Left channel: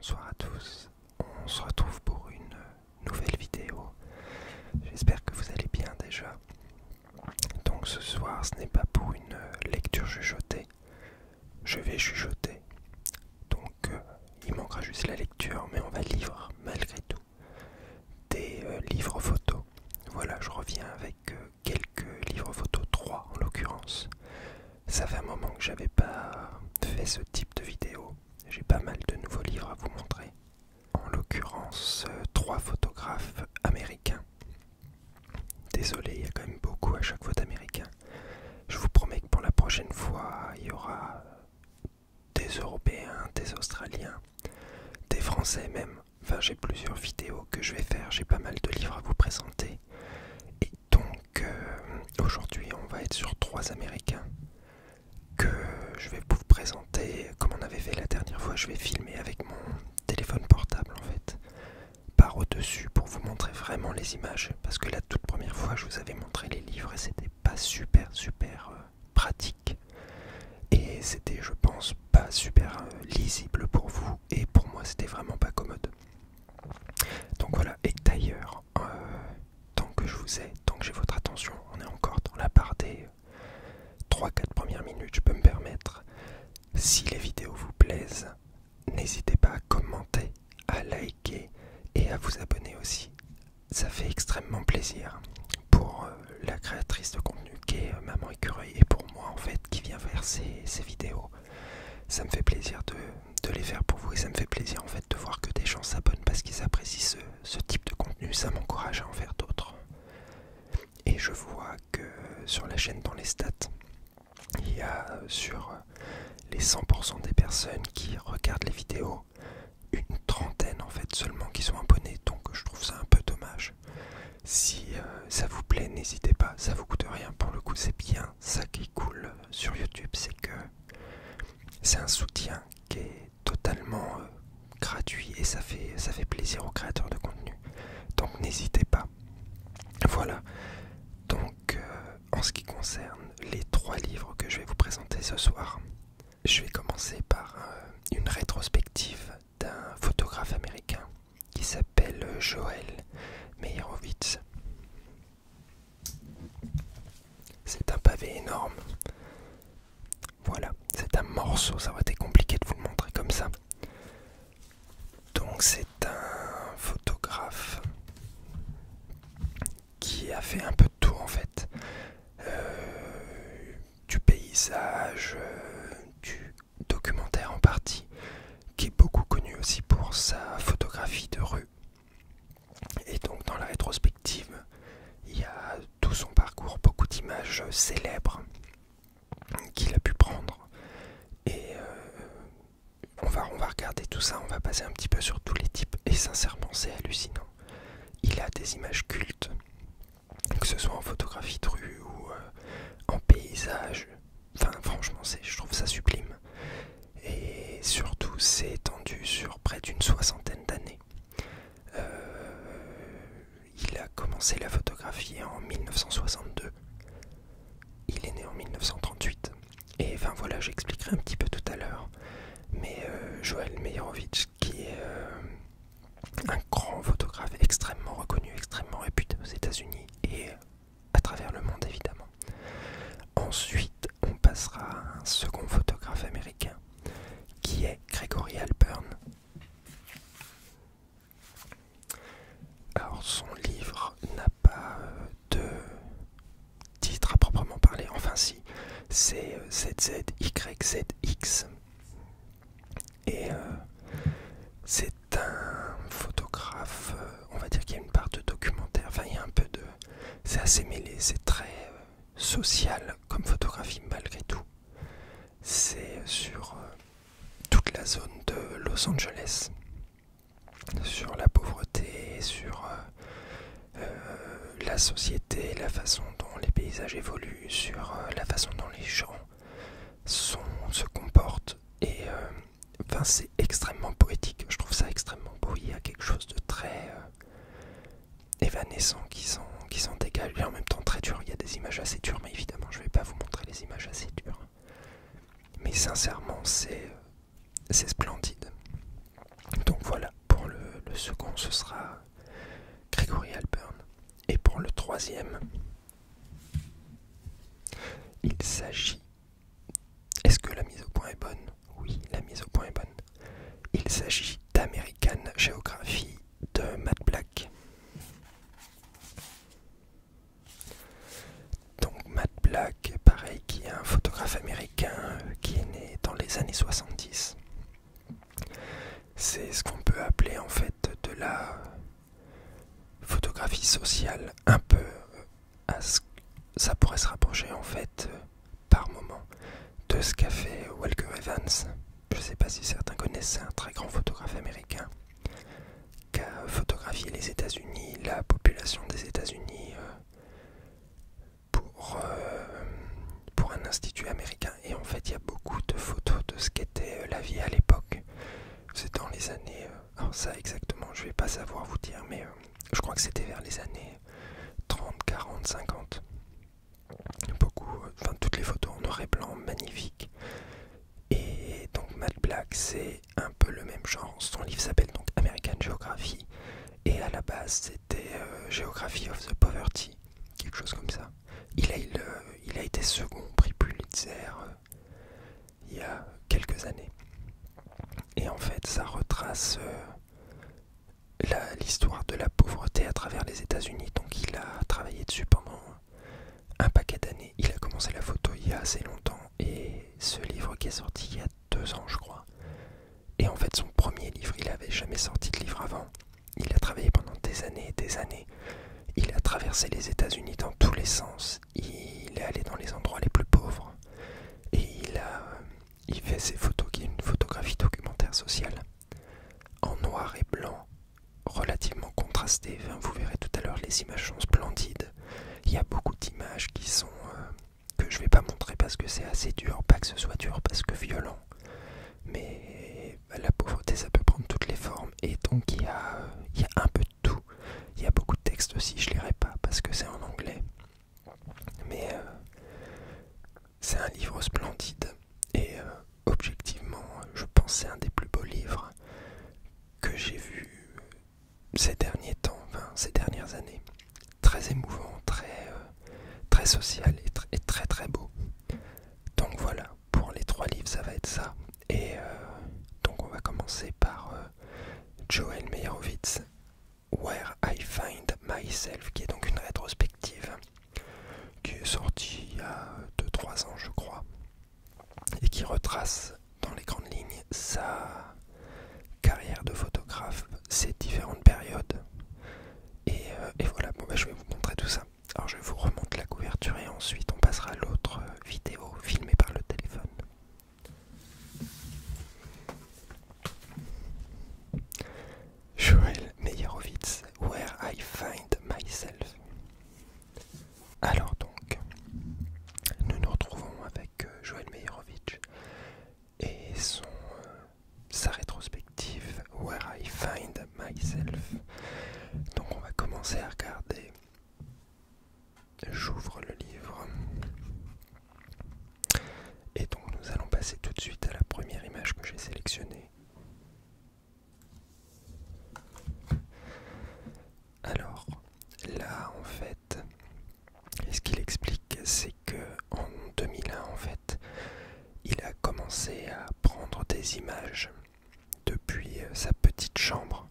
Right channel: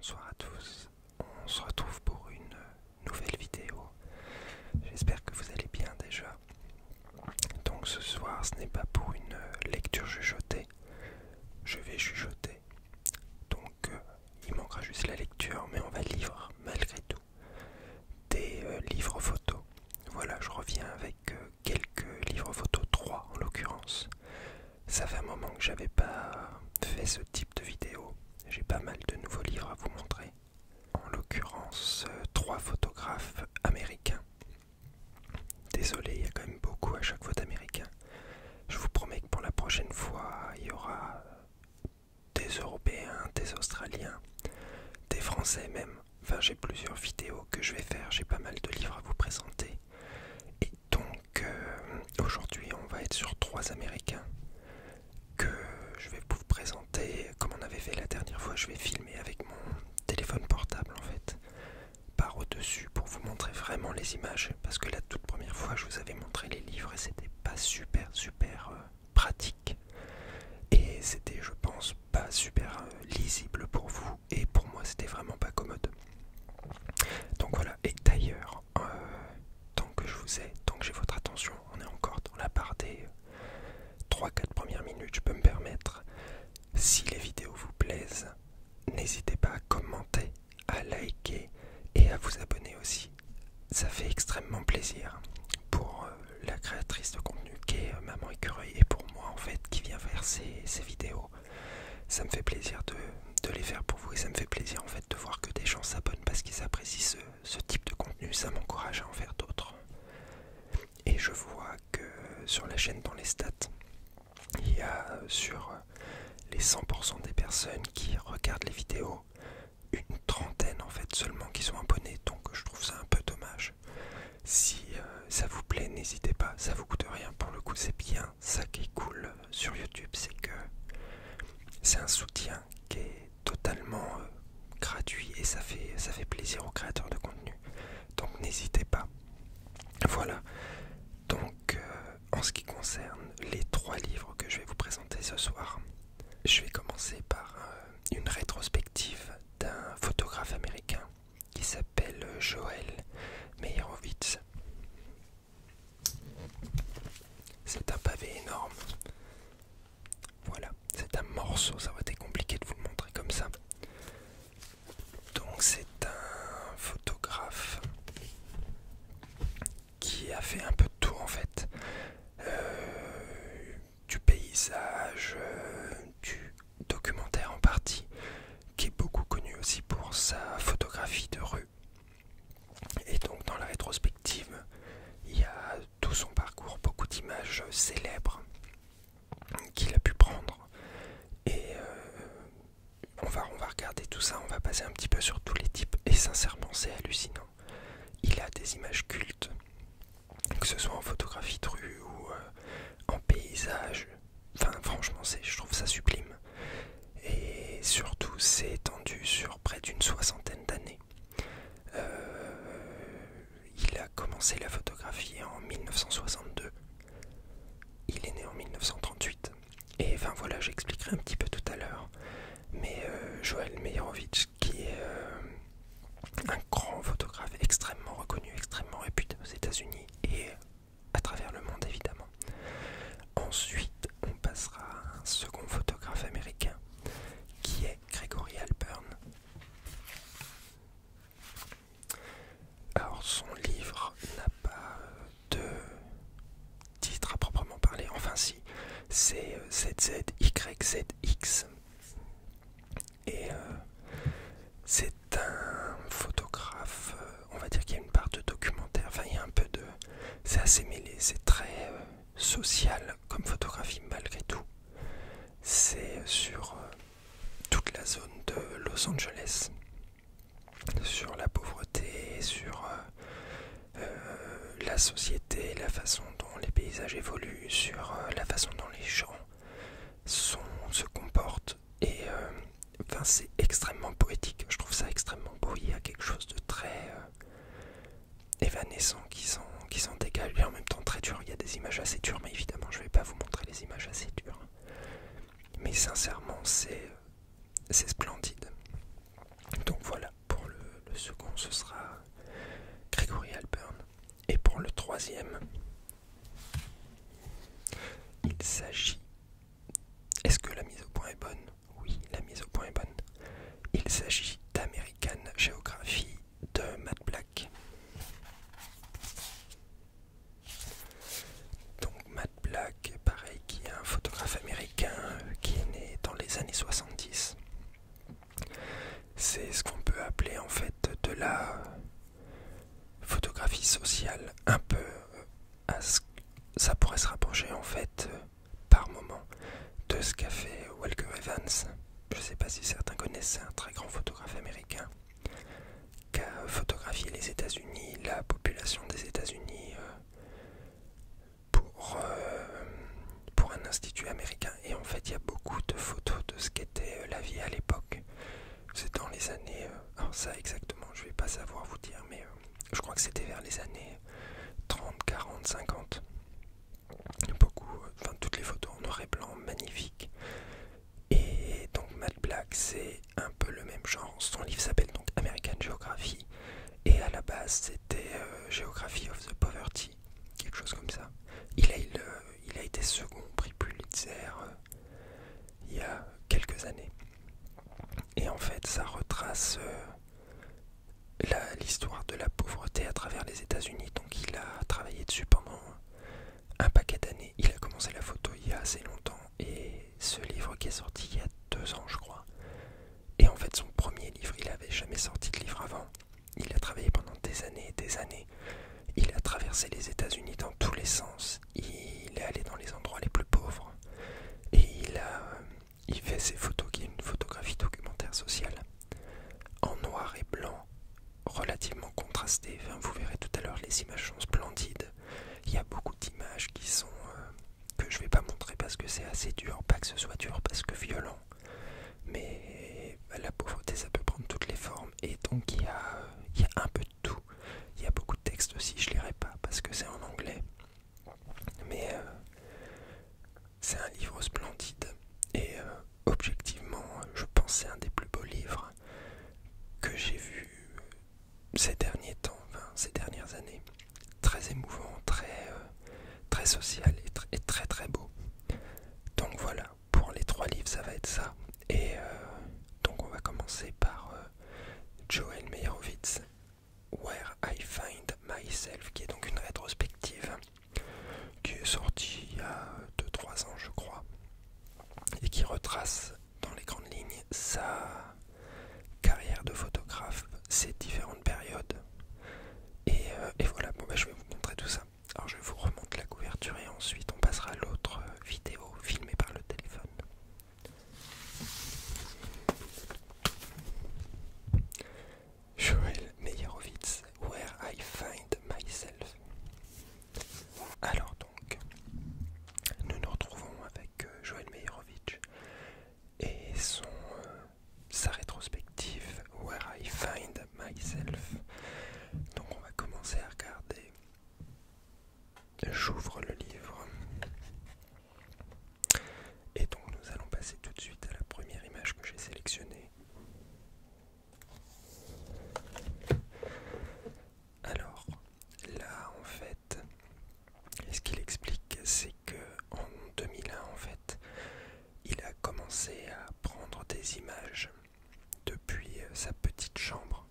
bonsoir à tous. On se retrouve pour une nouvelle vidéo. J'espère que vous allez bien déjà. Donc ce soir, ce n'est pas pour une lecture chuchotée. Je vais chuchoter. Donc il manquera juste la lecture, mais on va lire malgré tout des livres photos. Voilà, je reviens avec quelques livres photos, 3 en l'occurrence. Ça fait un moment que j'avais pas fait ce type de vidéo. J'ai pas mal de nouveaux livres à vous montrer. En l'occurrence, 3 photographes américains. Désolé, il y a quand même beaucoup à chaque fois d'américains. Je vous promets que pour la prochaine fois, il y aura des Européens, des Australiens, des Français même. Enfin, j'ai plusieurs vidéos que je vais faire, j'ai pas mal de livres à vous présenter. Et donc, aujourd'hui, on va être sur 3 Américains que je vais vous présenter comme on avait fait la dernière fois. Je vais filmer avec mon téléphone portable en fait, par au-dessus pour vous montrer vraiment les images, parce que la toute première fois je vous avais montré les livres et c'était pas super pratique et c'était, je pense, pas super lisible pour vous, et pour moi c'était vraiment pas commode. Donc voilà. Et d'ailleurs, tant que je vous ai, tant que j'ai votre attention, on est encore dans la part des 3-4 premières minutes, je peux me permettre, si les vidéos vous plaisent, n'hésitez pas à commenter, à liker et à vous abonner aussi. Ça fait extrêmement plaisir pour la créatrice de contenu qui est Maman Écureuil, et pour moi en fait qui vient faire ces vidéos. Ça me fait plaisir de les faire pour vous, et ça me fait plaisir en fait de voir que des gens s'abonnent parce qu'ils apprécient ce type de contenu. Ça m'encourage à en faire d'autres. Et je vois que sur la chaîne, dans les stats, il y a sur les 100% des personnes qui regardent les vidéos, une trentaine en fait seulement qui sont abonnés, donc je trouve ça un peu dommage. Si ça vous plaît, n'hésitez pas, ça vous coûte rien, pour le coup c'est bien ça qui est cool sur YouTube, c'est que c'est un soutien qui est totalement gratuit, et ça fait plaisir aux créateurs de contenu, donc n'hésitez pas. Voilà, donc en ce qui concerne les 3 livres que je vais vous présenter ce soir, je vais commencer par une rétrospective d'un photographe américain qui s'appelle Joel Meyerowitz. C'est un pavé énorme. Voilà, c'est un morceau, ça aurait été compliqué de vous le montrer comme ça. Donc c'est un photographe qui a fait un peu de tout en fait. Du paysage, du documentaire en partie, qui est beaucoup connu aussi pour sa photographie de rue. Et donc dans la rétrospective, il y a tout son parcours, beaucoup d'images célèbres qu'il a pu prendre. Et on va regarder tout ça, on va passer un petit peu sur tous les types, et sincèrement c'est hallucinant. Il a des images cultes, que ce soit en photographie de rue ou en paysage. Enfin franchement, je trouve ça sublime. Et surtout c'est étendu sur près d'une 60aine d'années. Il a commencé la photographie en 1962. Il est né en 1938. Et enfin voilà, j'expliquerai un petit peu tout à l'heure. Mais Joel Meyerowitz, qui est un grand photographe extrêmement reconnu, extrêmement réputé aux États-Unis et à travers le monde évidemment. Ensuite, on passera à un second photographe américain qui est Gregory Halpern. Alors son livre n'a pas de titre à proprement parler, enfin si, c'est ZZYZX. Et c'est un photographe, on va dire qu'il y a une part de documentaire, enfin il y a un peu de... C'est assez mêlé, c'est très social comme photographie malgré tout. C'est sur toute la zone de Los Angeles, sur la pauvreté, sur la société, la façon dont les paysages évoluent, sur la façon dont les gens se comportent. Et enfin, c'est extrêmement poétique, je trouve ça extrêmement beau. Il y a quelque chose de très évanescent qui s'en dégage, et en même temps très dur. Il y a des images assez dures, mais évidemment je ne vais pas vous montrer les images assez dures. Mais sincèrement c'est splendide. Donc Et pour le troisième, il s'agit... Est-ce que la mise au point est bonne? Oui, la mise au point est bonne. Il s'agit d'American Geography de Matt Black. Donc Matt Black, pareil, qui est un photographe américain qui est né dans les années 70. C'est ce qu'on peut appeler en fait de la photographie sociale, un peu ça pourrait se rapprocher en fait par moment de ce qu'a fait Walker Evans. Je ne sais pas si certains connaissent, c'est un très grand photographe américain qui a photographié les États-Unis, la population des États-Unis pour un institut américain. Et en fait, il y a beaucoup de photos de ce qu'était la vie à l'époque. C'est dans les années... alors ça exactement, je ne vais pas savoir vous dire, mais je crois que c'était vers les années 30, 40, 50. Beaucoup, enfin toutes les photos en noir et blanc, magnifiques. Et donc Matt Black, c'est un peu le même genre. Son livre s'appelle donc American Geography. Et à la base, c'était Geography of the Poverty, quelque chose comme ça. Il a été second prix Pulitzer il y a quelques années. Et en fait, ça retrace l'histoire de la pauvreté à travers les États-Unis. Donc il a travaillé dessus pendant un paquet d'années. Il a commencé la photo il y a assez longtemps. Et ce livre qui est sorti il y a 2 ans, je crois. Et en fait, son premier livre, il n'avait jamais sorti de livre avant. Il a travaillé pendant des années et des années. Il a traversé les États-Unis dans tous les sens. Il est allé dans les endroits les plus pauvres. Et il fait ses photos, qui est une photographie documentaire sociale, en noir et blanc, relativement contrastée. Enfin, vous verrez tout à l'heure, les images sont splendides. Il y a beaucoup d'images qui sont que je vais pas montrer parce que c'est assez dur. Pas que ce soit dur parce que violent. Mais la pauvreté, ça peut prendre toutes les formes. Et donc il y a un peu de tout. Il y a beaucoup de textes aussi, je lirai pas parce que c'est en anglais. Mais c'est un livre splendide. Et objectivement, je pense que c'est un des plus beaux livres que j'ai vu ces derniers temps, enfin ces dernières années. Très émouvant, très social et très très beau. Donc voilà, pour les 3 livres, ça va être ça. Et donc on va commencer par Joel Meyerowitz, Where I Find Myself, qui est donc une rétrospective qui est sortie il y a 2-3 ans, je crois, et qui retrace dans les grandes lignes sa carrière de photographe, ses différentes périodes. Et voilà, bon, je vais vous montrer tout ça. Alors je vous remonte la couverture et ensuite on passera à l'autre vidéo filmée par le téléphone. Joel Meyerowitz, Where I Find Myself. Alors donc, nous nous retrouvons avec Joel Meyerowitz et sa rétrospective Where I Find Myself. Donc on va commencer à regarder. J'ouvre le livre. Et donc nous allons passer tout de suite à la première image que j'ai sélectionnée. Alors là en fait, ce qu'il explique, c'est que en 2001 en fait, il a commencé à prendre des images depuis sa petite chambre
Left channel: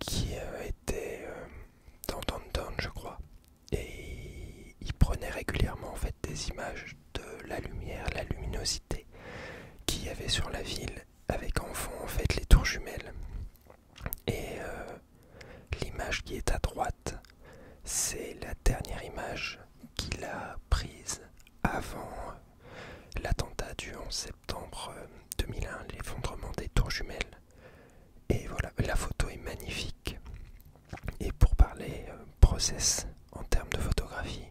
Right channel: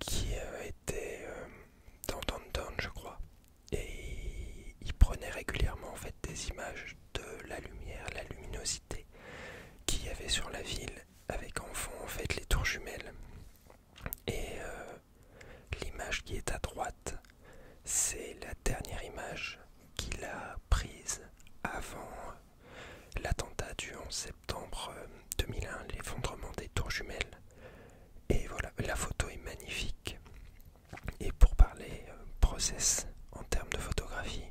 qui était dans Downtown, je crois. Et il prenait régulièrement en fait des images de la lumière, la luminosité qu'il y avait sur la ville, avec en fond en fait les tours jumelles. Et l'image qui est à droite, c'est la dernière image qu'il a prise avant l'attentat du 11 septembre 2001, l'effondrement des tours jumelles. Et voilà, la photo est magnifique. Et pour parler process en termes de photographie,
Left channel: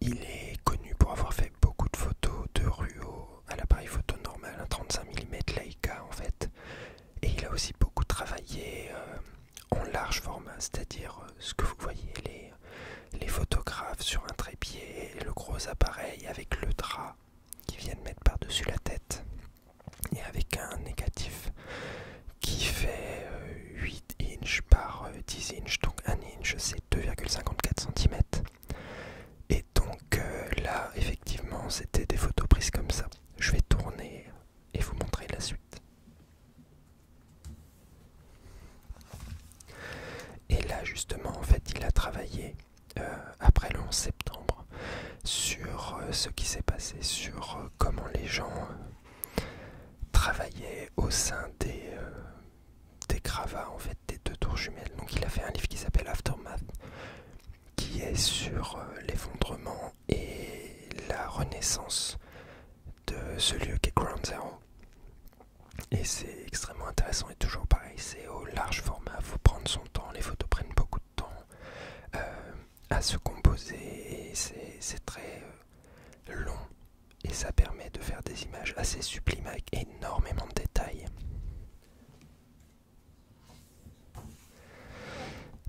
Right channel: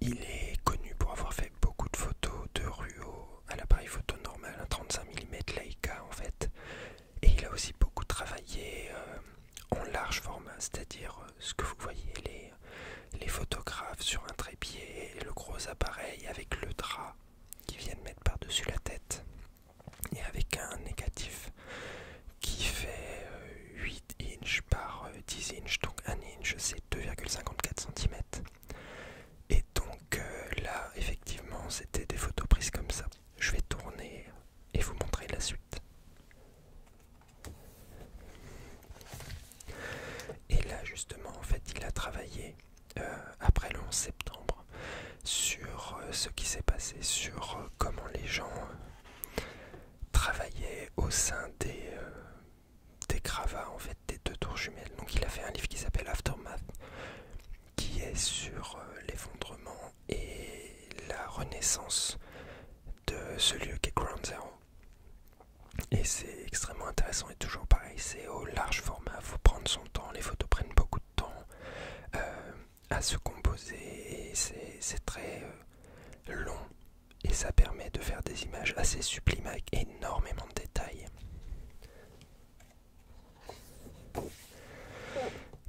il est connu pour avoir fait beaucoup de photos de rue à l'appareil photo normal, un 35 mm Leica en fait. Et il a aussi beaucoup travaillé en large format, c'est-à-dire ce que vous voyez, les photographes sur un trépied, et le gros appareil avec le drap qui viennent mettre par-dessus la tête, et avec un négatif qui fait 8 inches par 10 inches, donc 1 inch c'est 2,5 après le 11 septembre, sur ce qui s'est passé, sur comment les gens travaillaient au sein des gravats en fait des deux tours jumelles. Donc il a fait un livre qui s'appelle Aftermath, qui est sur l'effondrement et la renaissance de ce lieu qu'est Ground Zero. Et c'est extrêmement intéressant et toujours pareil, c'est au large format, il faut prendre son temps, les photos prennent beaucoup de temps à se composer et c'est très long et ça permet de faire des images assez sublimes avec énormément de détails.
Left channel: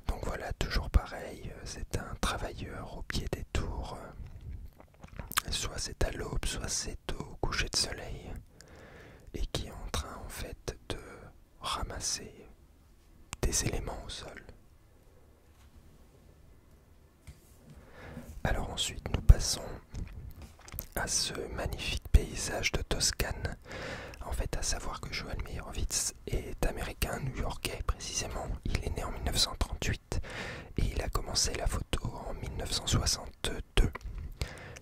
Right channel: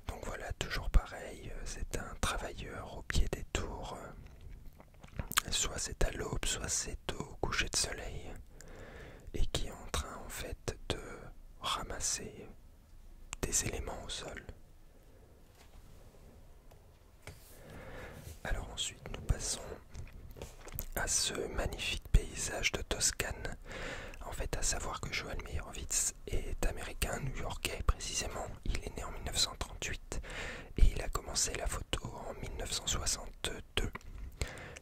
Donc voilà, toujours pareil, c'est un travailleur au pied des tours, soit c'est à l'aube, soit c'est au coucher de soleil, et qui est en train en fait de ramasser des éléments au sol. Alors ensuite nous passons à ce magnifique paysage de Toscane. En fait, à savoir que Joel Meyerowitz est américain, new-yorkais précisément. Il est né en 1938 et il a commencé la photo en 1962.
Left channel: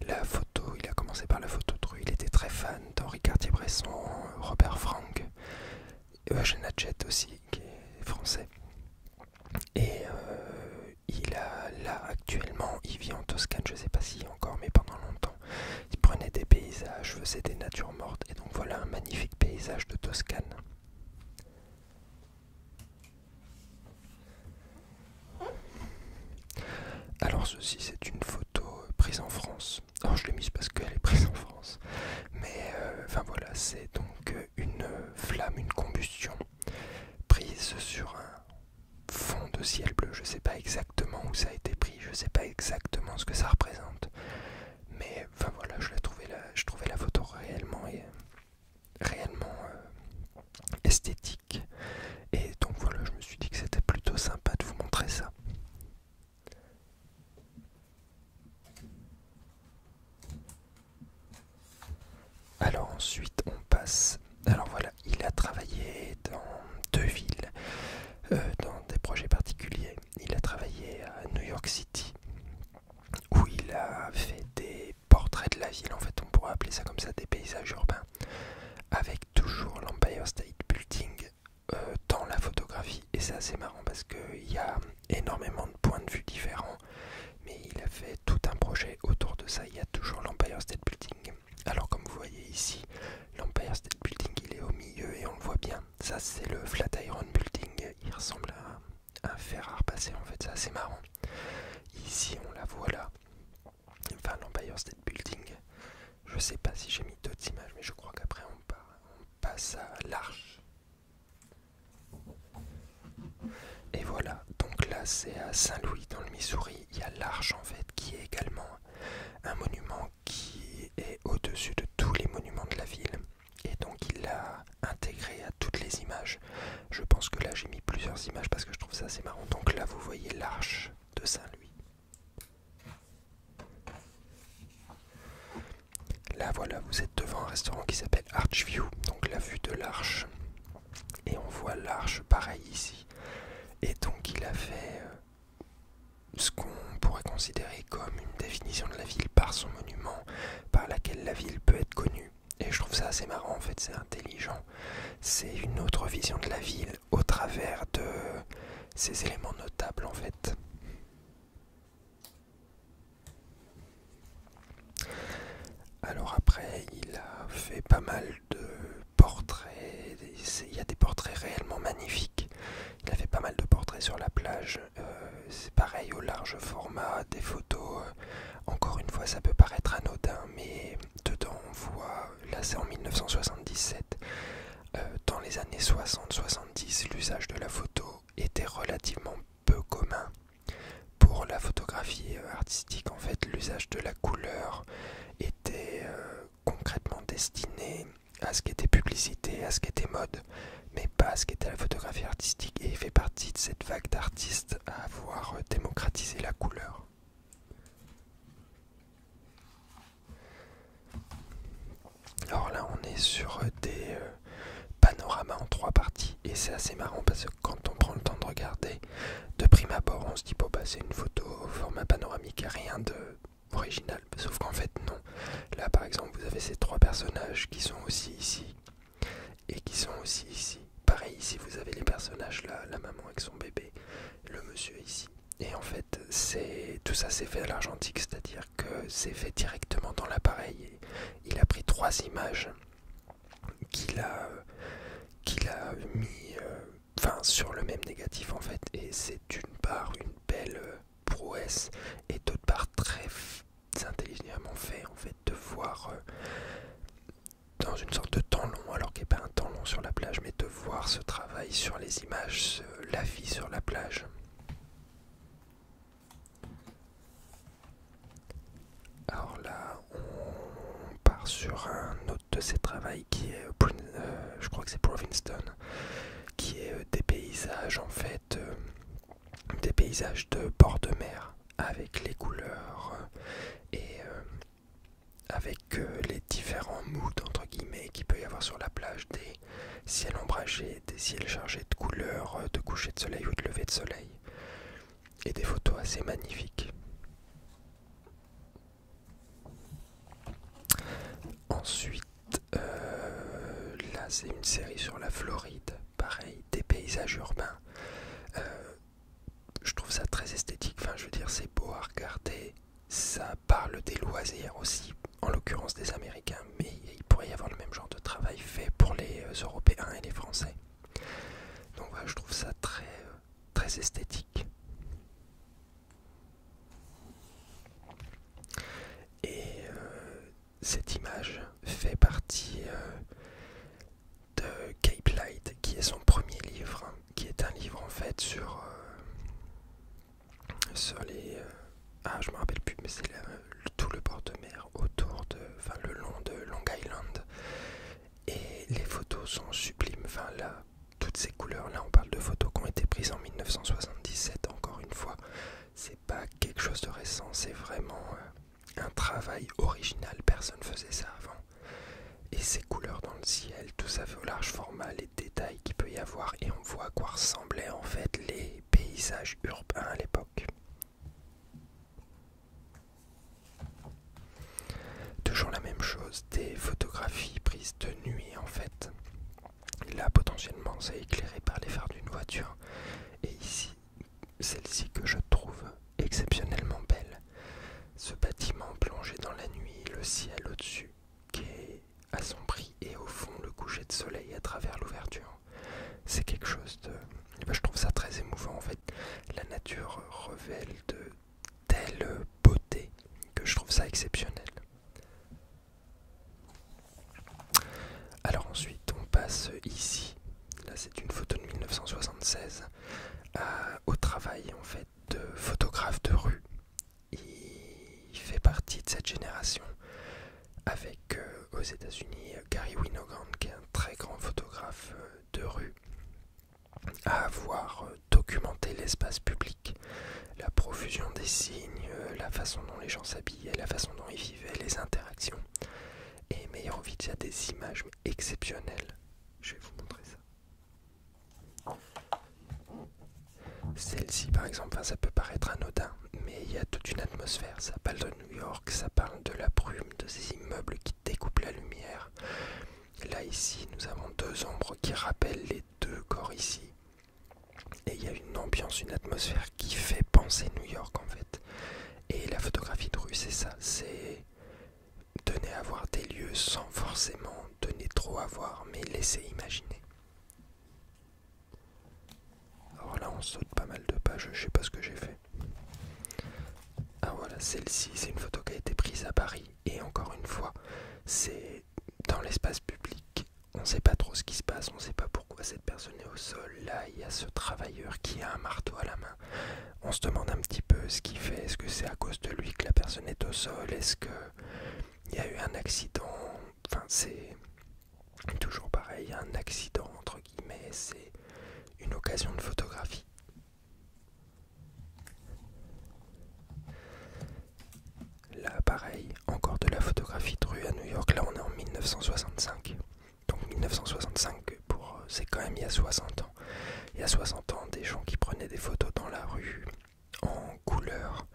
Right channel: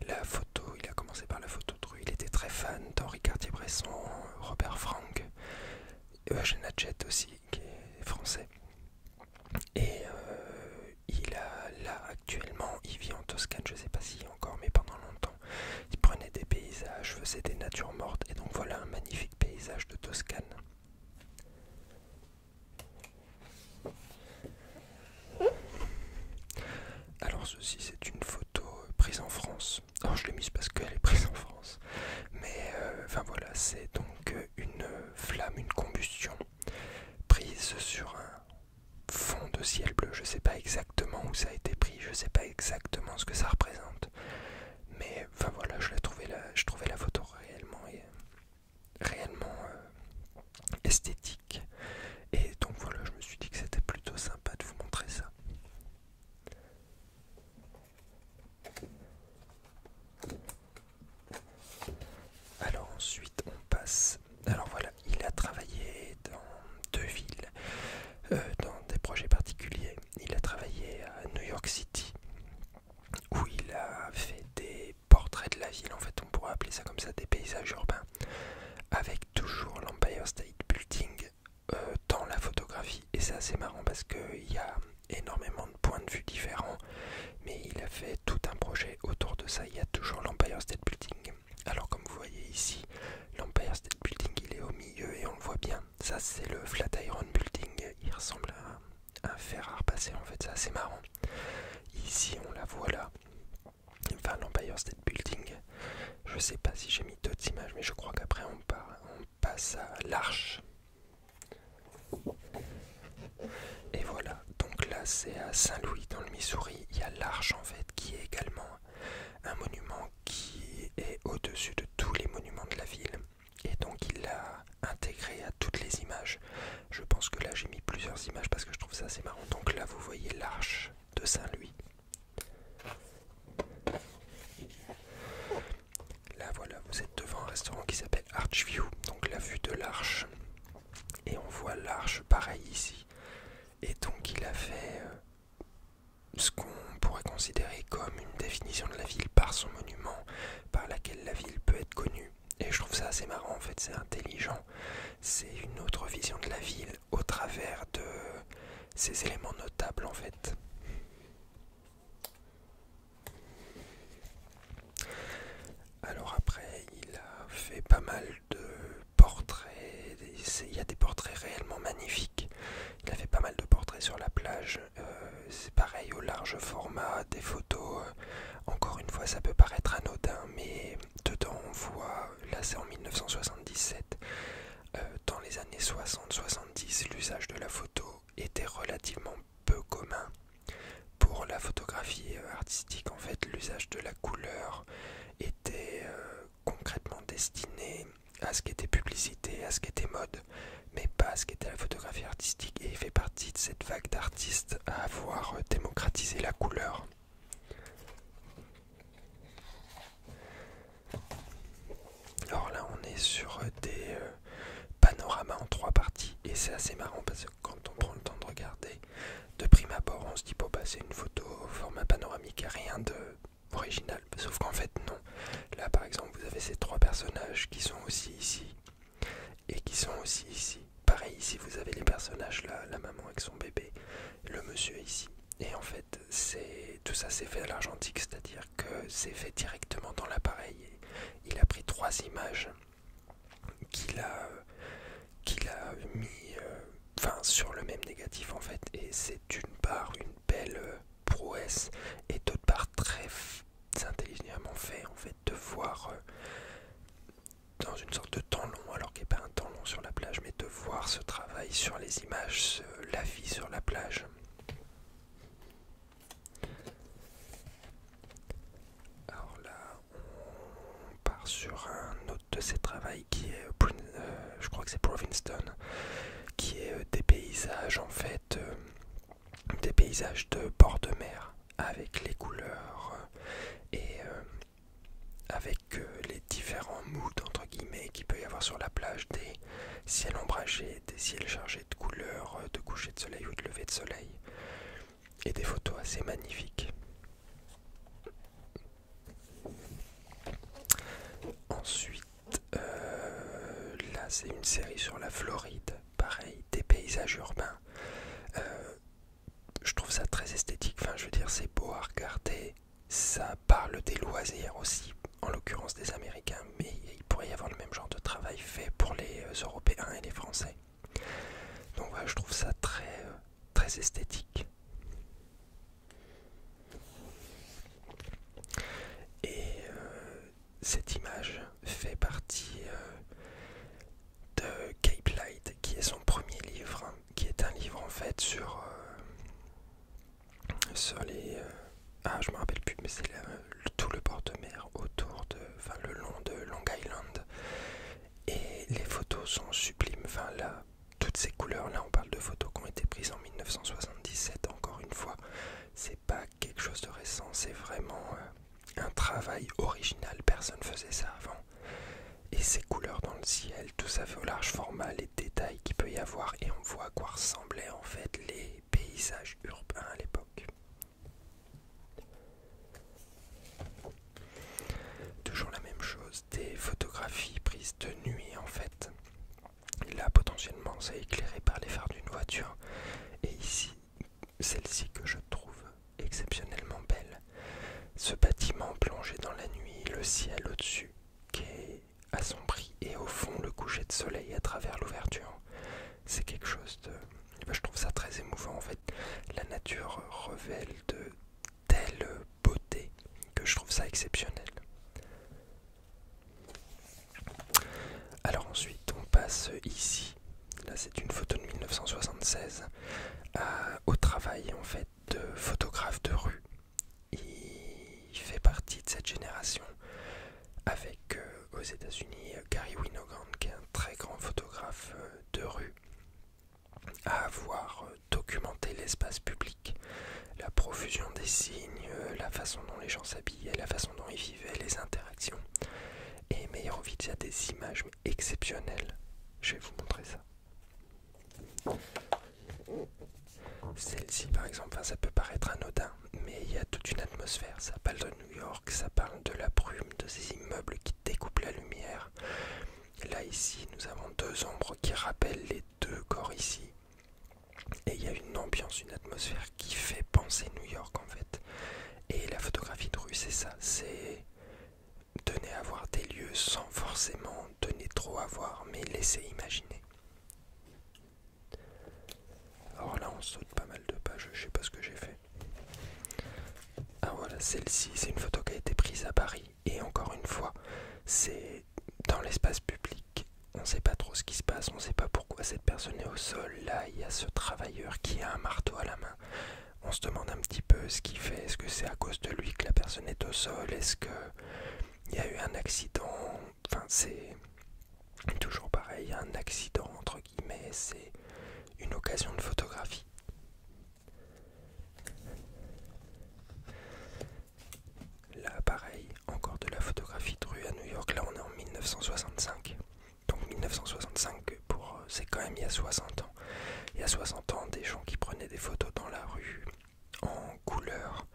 La photo, il a commencé par la photo de rue. Il était très fan d'Henri Cartier-Bresson, Robert Frank, Eugène Hachette aussi, qui est français. Et il a là actuellement, il vit en Toscane, je ne sais pas s'il y est encore, mais pendant longtemps, il prenait des paysages, faisait des natures mortes, et donc voilà un magnifique paysage de Toscane. Alors ceci c'est une photo prise en France. Alors je l'ai mise parce qu'elle est prise en France, mais enfin voilà, c'est donc une flamme, une combustion prise sur un fond de ciel bleu. Je sais pas exactement où ça a été pris, je sais pas exactement ce que ça représente, mais enfin voilà, je trouvais la photo réellement esthétique, et donc voilà, je me suis dit que c'était plutôt sympa de vous montrer ça. Alors ensuite on passe, alors voilà, il a travaillé dans deux villes, dans des projets particuliers. Il a travaillé à New York City, où il a fait des portraits de la ville, en fait on pourrait appeler ça comme ça, des paysages urbains, avec toujours l'Empire State Building dans la photographie. Et c'est assez marrant parce qu'il y a énormément de points de vue différents, mais il a fait tout un projet autour de ça. Il y a toujours l'Empire State Building. Alors comme vous voyez ici, l'Empire State Building il est au milieu et on le voit bien. Ça c'est le Flatiron Building, il ressemble à un fer à repasser en fait, c'est assez marrant. Ici on la voit là, enfin l'Empire State Building. Je sais pas si j'ai mis d'autres images, mais je crois qu'après on passe à l'Arche. Et voilà, donc là c'est à Saint-Louis dans le Missouri, il y a l'Arche en fait qui est également un monument qui est au-dessus de tous les monuments de la ville, et donc il l'a intégré à toutes les images. Je pense que là j'ai mis plusieurs images parce que je trouve ça assez marrant. Donc là vous voyez l'Arche de Saint-Louis. Là voilà, vous êtes devant un restaurant qui s'appelle Archview, donc la vue de l'Arche, et on voit l'Arche pareil ici. Et donc il a fait ce qu'on pourrait considérer comme une définition de la ville par son monument, par laquelle la ville peut être connue. Et je trouve ça assez marrant en fait, c'est intelligent. C'est une autre vision de la ville au travers de ces éléments notables en fait. Alors après, il a fait pas mal de portraits, il y a des portraits réellement magnifiques. Il a fait pas mal de portraits sur la plage, c'est pareil au large format, des photos, encore une fois ça peut paraître anodin, mais dedans on voit, là c'est en 1977, dans les années 60-70, l'usage de la photo était relativement peu commun. Pour la photographie artistique, en fait, l'usage de la couleur était concrètement destiné à ce qui était publicité, à ce qui était mode, mais pas à ce qui était la photographie artistique. Et il fait partie de cette vague d'artistes à avoir démocratisé la couleur. Alors là, on est sur des panoramas en trois parties, et c'est assez marrant parce que quand on prend le temps de regarder, de prime abord, on se dit bon bah c'est une photo au format panoramique, rien de original, sauf qu'en fait non. Là par exemple vous avez ces trois personnages qui sont aussi ici et qui sont aussi ici. Pareil ici vous avez les personnages là, la maman avec son bébé, le monsieur ici. Et en fait tout ça c'est fait à l'argentique, c'est-à-dire que c'est fait directement dans l'appareil. Il a pris trois images qu'il a mis sur le même négatif en fait, et c'est d'une part une belle prouesse et d'autre part très intelligemment fait en fait de voir dans une sorte de temps long, alors qu'il n'y a pas un temps long sur la plage, mais de voir ce travail sur les images, la vie sur la plage. Alors là on part sur un autre de ces travaux qui est je crois que c'est Provinston, qui est des paysages en fait, des paysages de bord de mer avec les couleurs et avec les différents moods entre guillemets qu'il peut y avoir sur la plage, des ciels ombragés, des ciels chargés de couleurs, de coucher de soleil ou de lever de soleil, et des photos assez magnifiques. Ensuite, là c'est une série sur la Floride, pareil, des paysages urbains. Je trouve ça très esthétique, enfin je veux dire c'est beau à regarder, ça parle des loisirs aussi, en l'occurrence des Américains, mais il pourrait y avoir le même genre de travail fait pour les Européens et les Français. Donc voilà, je trouve ça très, très esthétique. Et cette image fait partie de Cape Light, qui est son premier livre, qui est un livre en fait sur les... je me rappelle plus, mais c'est tout le bord de mer autour de... le long de Long Island. Et les photos sont sublimes, là, toutes ces couleurs, là on parle de photos qui ont été prises en 1977, encore une fois. C'est pas quelque chose de récent, c'est vraiment un travail original, personne faisait ça avant. Et ces couleurs dans le ciel, tout ça fait au large format, les détails qu'il peut y avoir, et on voit à quoi ressemblaient en fait les paysages urbains à l'époque. Toujours la même chose, des photographies prises de nuit en fait. Là potentiellement c'est éclairé par les phares d'une voiture. Et ici, celle-ci que je trouve exceptionnellement belle. Ce bâtiment plongé dans la nuit, le ciel au-dessus qui est assombri, et au fond le coucher de soleil à travers l'ouverture. C'est quelque chose de... je trouve ça très émouvant en fait. La nature révèle de telle beauté que je trouve ça exceptionnel. Alors ensuite on passe ici, là c'est une photo de 1976, au travail en fait de photographe de rue. Il fait partie de cette génération avec aux États-Unis Gary Winogrand, qui est un très grand photographe de rue, à avoir documenté l'espace public, la profusion des signes, la façon dont les gens s'habillaient, la façon dont ils vivaient, les interactions. Et Meyerowitz, il y a des images exceptionnelles. Je vais vous montrer ça. Celle-ci par exemple, ça peut paraître anodin, mais il y a toute une atmosphère. Ça parle de New York, ça parle de la brume, de ces immeubles qui découpent la lumière. Là ici, nous avons deux ombres qui rappellent les deux corps ici. Et il y a une ambiance, une atmosphère qui fait penser New York en fait. Et la photographie de rue, c'est ça, c'est donner à voir des lieux sans forcément donner trop à voir, mais laisser imaginer. Alors là on saute pas mal de pages, je sais pas ce que j'ai fait. Ah voilà, celle-ci c'est une photo qui a été prise à Paris, et encore une fois c'est dans l'espace public, on sait pas trop ce qui se passe, on sait pas pourquoi cette personne est au sol. Là il y a ce travailleur qui a un marteau à la main, on se demande un petit peu ce qu'il fait, est-ce que c'est à cause de lui que la personne est au sol, est-ce que il y a eu un accident, c'est toujours pareil, un accident entre guillemets, c'est une occasion de photographie. Là pareil, encore de la photographie de rue à New York, là on est en 1965. Donc 1965, c'est quand même il y a 60 ans. Il y a 60 ans, des gens qui prenaient des photos dans la rue en couleur,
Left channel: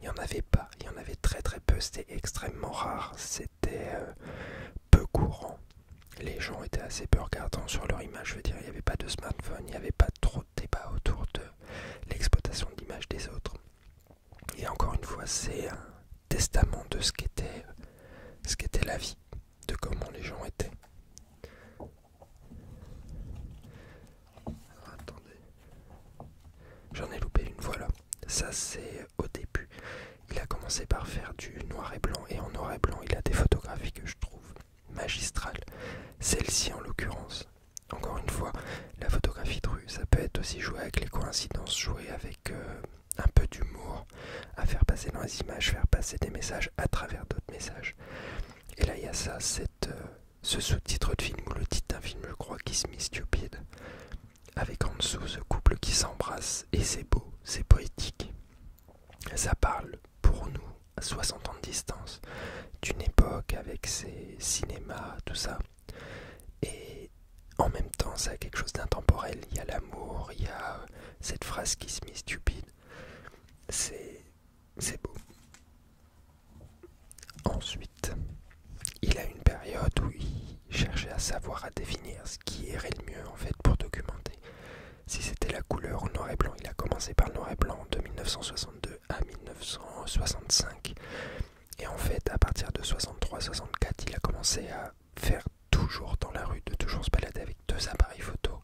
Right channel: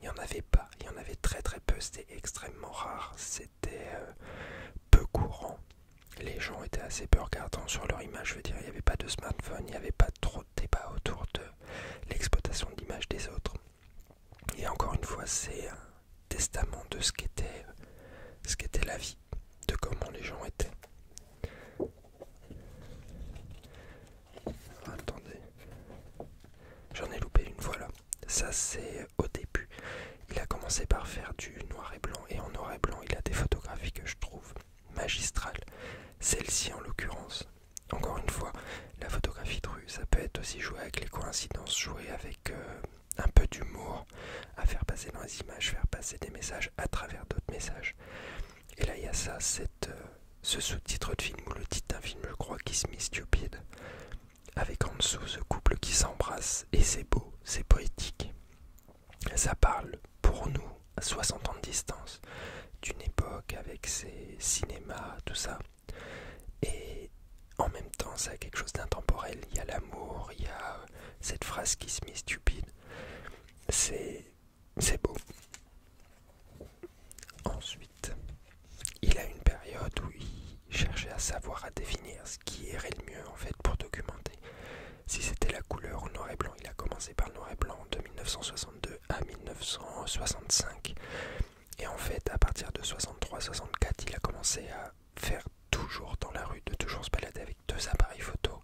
il n'y en avait pas, il y en avait très très peu, c'était extrêmement rare, c'était peu courant. Les gens étaient assez peu regardants sur leur image, je veux dire, il n'y avait pas de smartphone, il n'y avait pas trop de débat autour de l'exploitation de l'image des autres. Et encore une fois, c'est un testament de ce qu'était la vie, de comment les gens étaient. Attendez, j'en ai loupé une, voilà. Ça c'est au début. Il a commencé par faire du noir et blanc, et en noir et blanc il a des photographies que je trouve magistrales. Celle-ci en l'occurrence. Encore une fois, la photographie de rue, ça peut être aussi jouer avec les coïncidences, jouer avec un peu d'humour, à faire passer dans les images, faire passer des messages à travers d'autres messages. Et là il y a ça, ce sous-titre de film, ou le titre d'un film je crois, Kiss Me Stupid, avec en dessous ce couple qui s'embrasse, et c'est beau, c'est poétique. Ça parle pour nous, à 60 ans de distance, d'une époque avec ses cinémas, tout ça. Et en même temps, ça a quelque chose d'intemporel. Il y a l'amour, il y a cette phrase Kiss Me Stupid. C'est beau. Ensuite, il a une période où il cherchait à savoir, à définir ce qui irait le mieux en fait pour documenter. Si c'était la couleur ou le noir et blanc, il a commencé par le noir et blanc de 1962 à 1965. Et en fait, à partir de 63-64, il a commencé à faire toujours dans la rue, de toujours se balader avec 2 appareils photo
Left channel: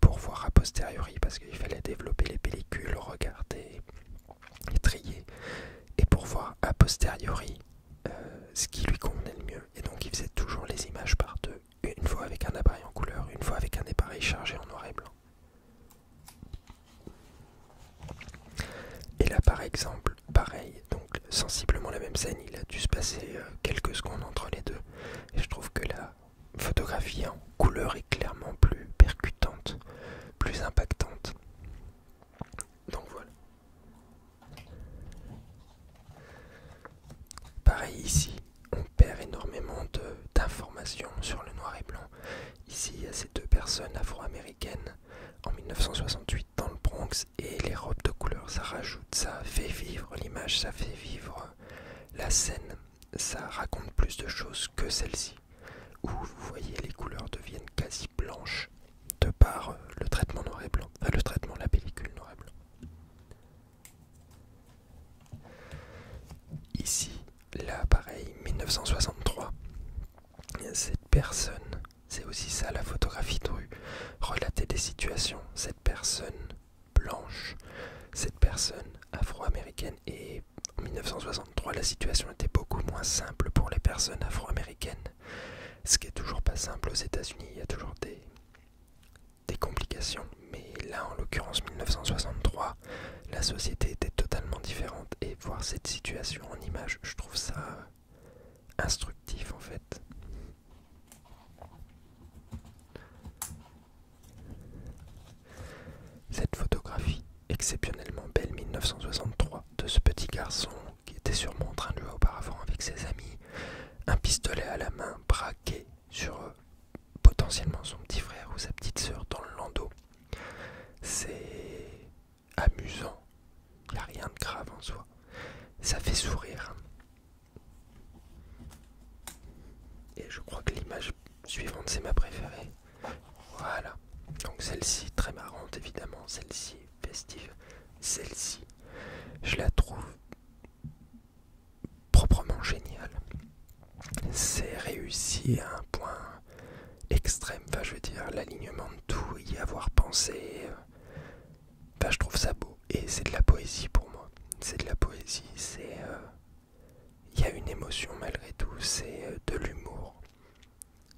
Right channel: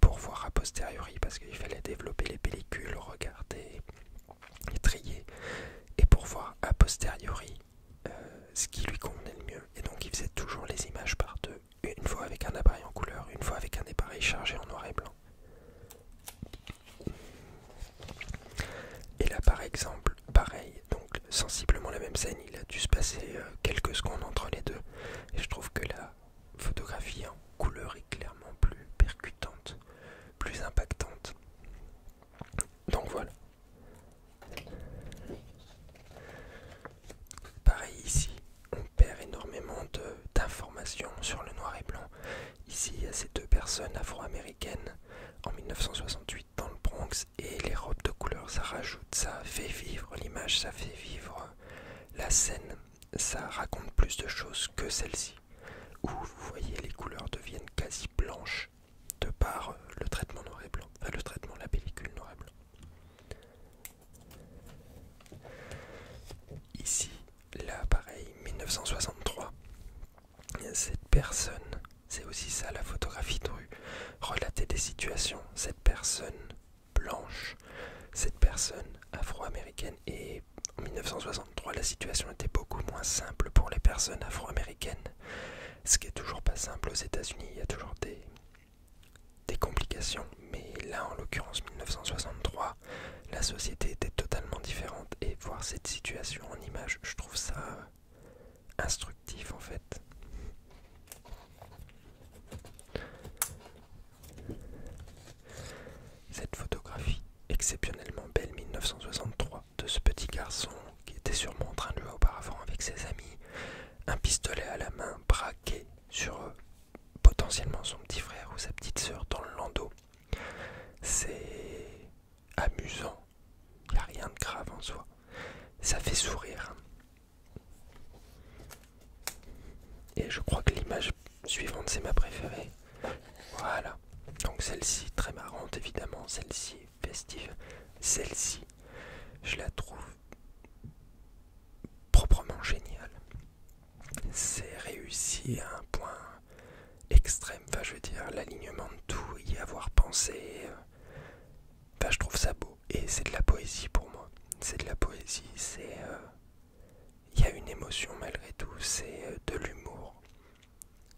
pour voir a posteriori, parce qu'il fallait développer les pellicules, regarder et trier, et pour voir a posteriori ce qui lui convenait le mieux. Et donc il faisait toujours les images par 2, une fois avec un appareil en couleur, une fois avec un appareil chargé en noir et blanc. Et là par exemple, pareil, donc sensiblement la même scène, il a dû se passer quelques secondes entre les deux, et je trouve que la photographie en couleur est clairement plus percutante, plus impactante. Donc voilà. Pareil ici, on perd énormément d'informations sur le noir et blanc. Ici, il y a ces 2 personnes afro-américaines en 1968 dans le Bronx, et les robes de couleur, ça rajoute, ça fait vivre l'image, ça fait vivre la scène, ça raconte plus de choses que celle-ci, où vous voyez les couleurs deviennent quasi blanches de par le traitement noir et blanc, enfin le traitement de la pellicule noir et blanc. Ici, là pareil, 1963, cette personne, c'est aussi ça la photographie de rue, relater des situations, cette personne blanche, cette personne afro-américaine, et en 1963 la situation était beaucoup moins simple pour les personnes afro-américaines, ce qui est toujours pas simple aux États-Unis, il y a toujours des complications, mais là en l'occurrence 1963, la société était totalement différente, et voir cette situation en image, je trouve ça instructif en fait. Cette photographie exceptionnellement belle 1963 de ce petit garçon qui était sûrement en train de jouer auparavant avec ses amis, un pistolet à la main braqué sur potentiellement son petit frère ou sa petite sœur dans le landau. C'est amusant, il n'y a rien de grave en soi, ça fait sourire. Et je crois que l'image suivante c'est ma préférée. Voilà, donc celle-ci très marrante évidemment, celle-ci festive, celle-ci je la trouve proprement géniale. C'est réussi à un point extrême, enfin je veux dire l'alignement de tout, y avoir pensé, enfin je trouve ça beau, et c'est de la poésie pour moi, c'est de la poésie, c'est il y a une émotion malgré tout, c'est de l'humour,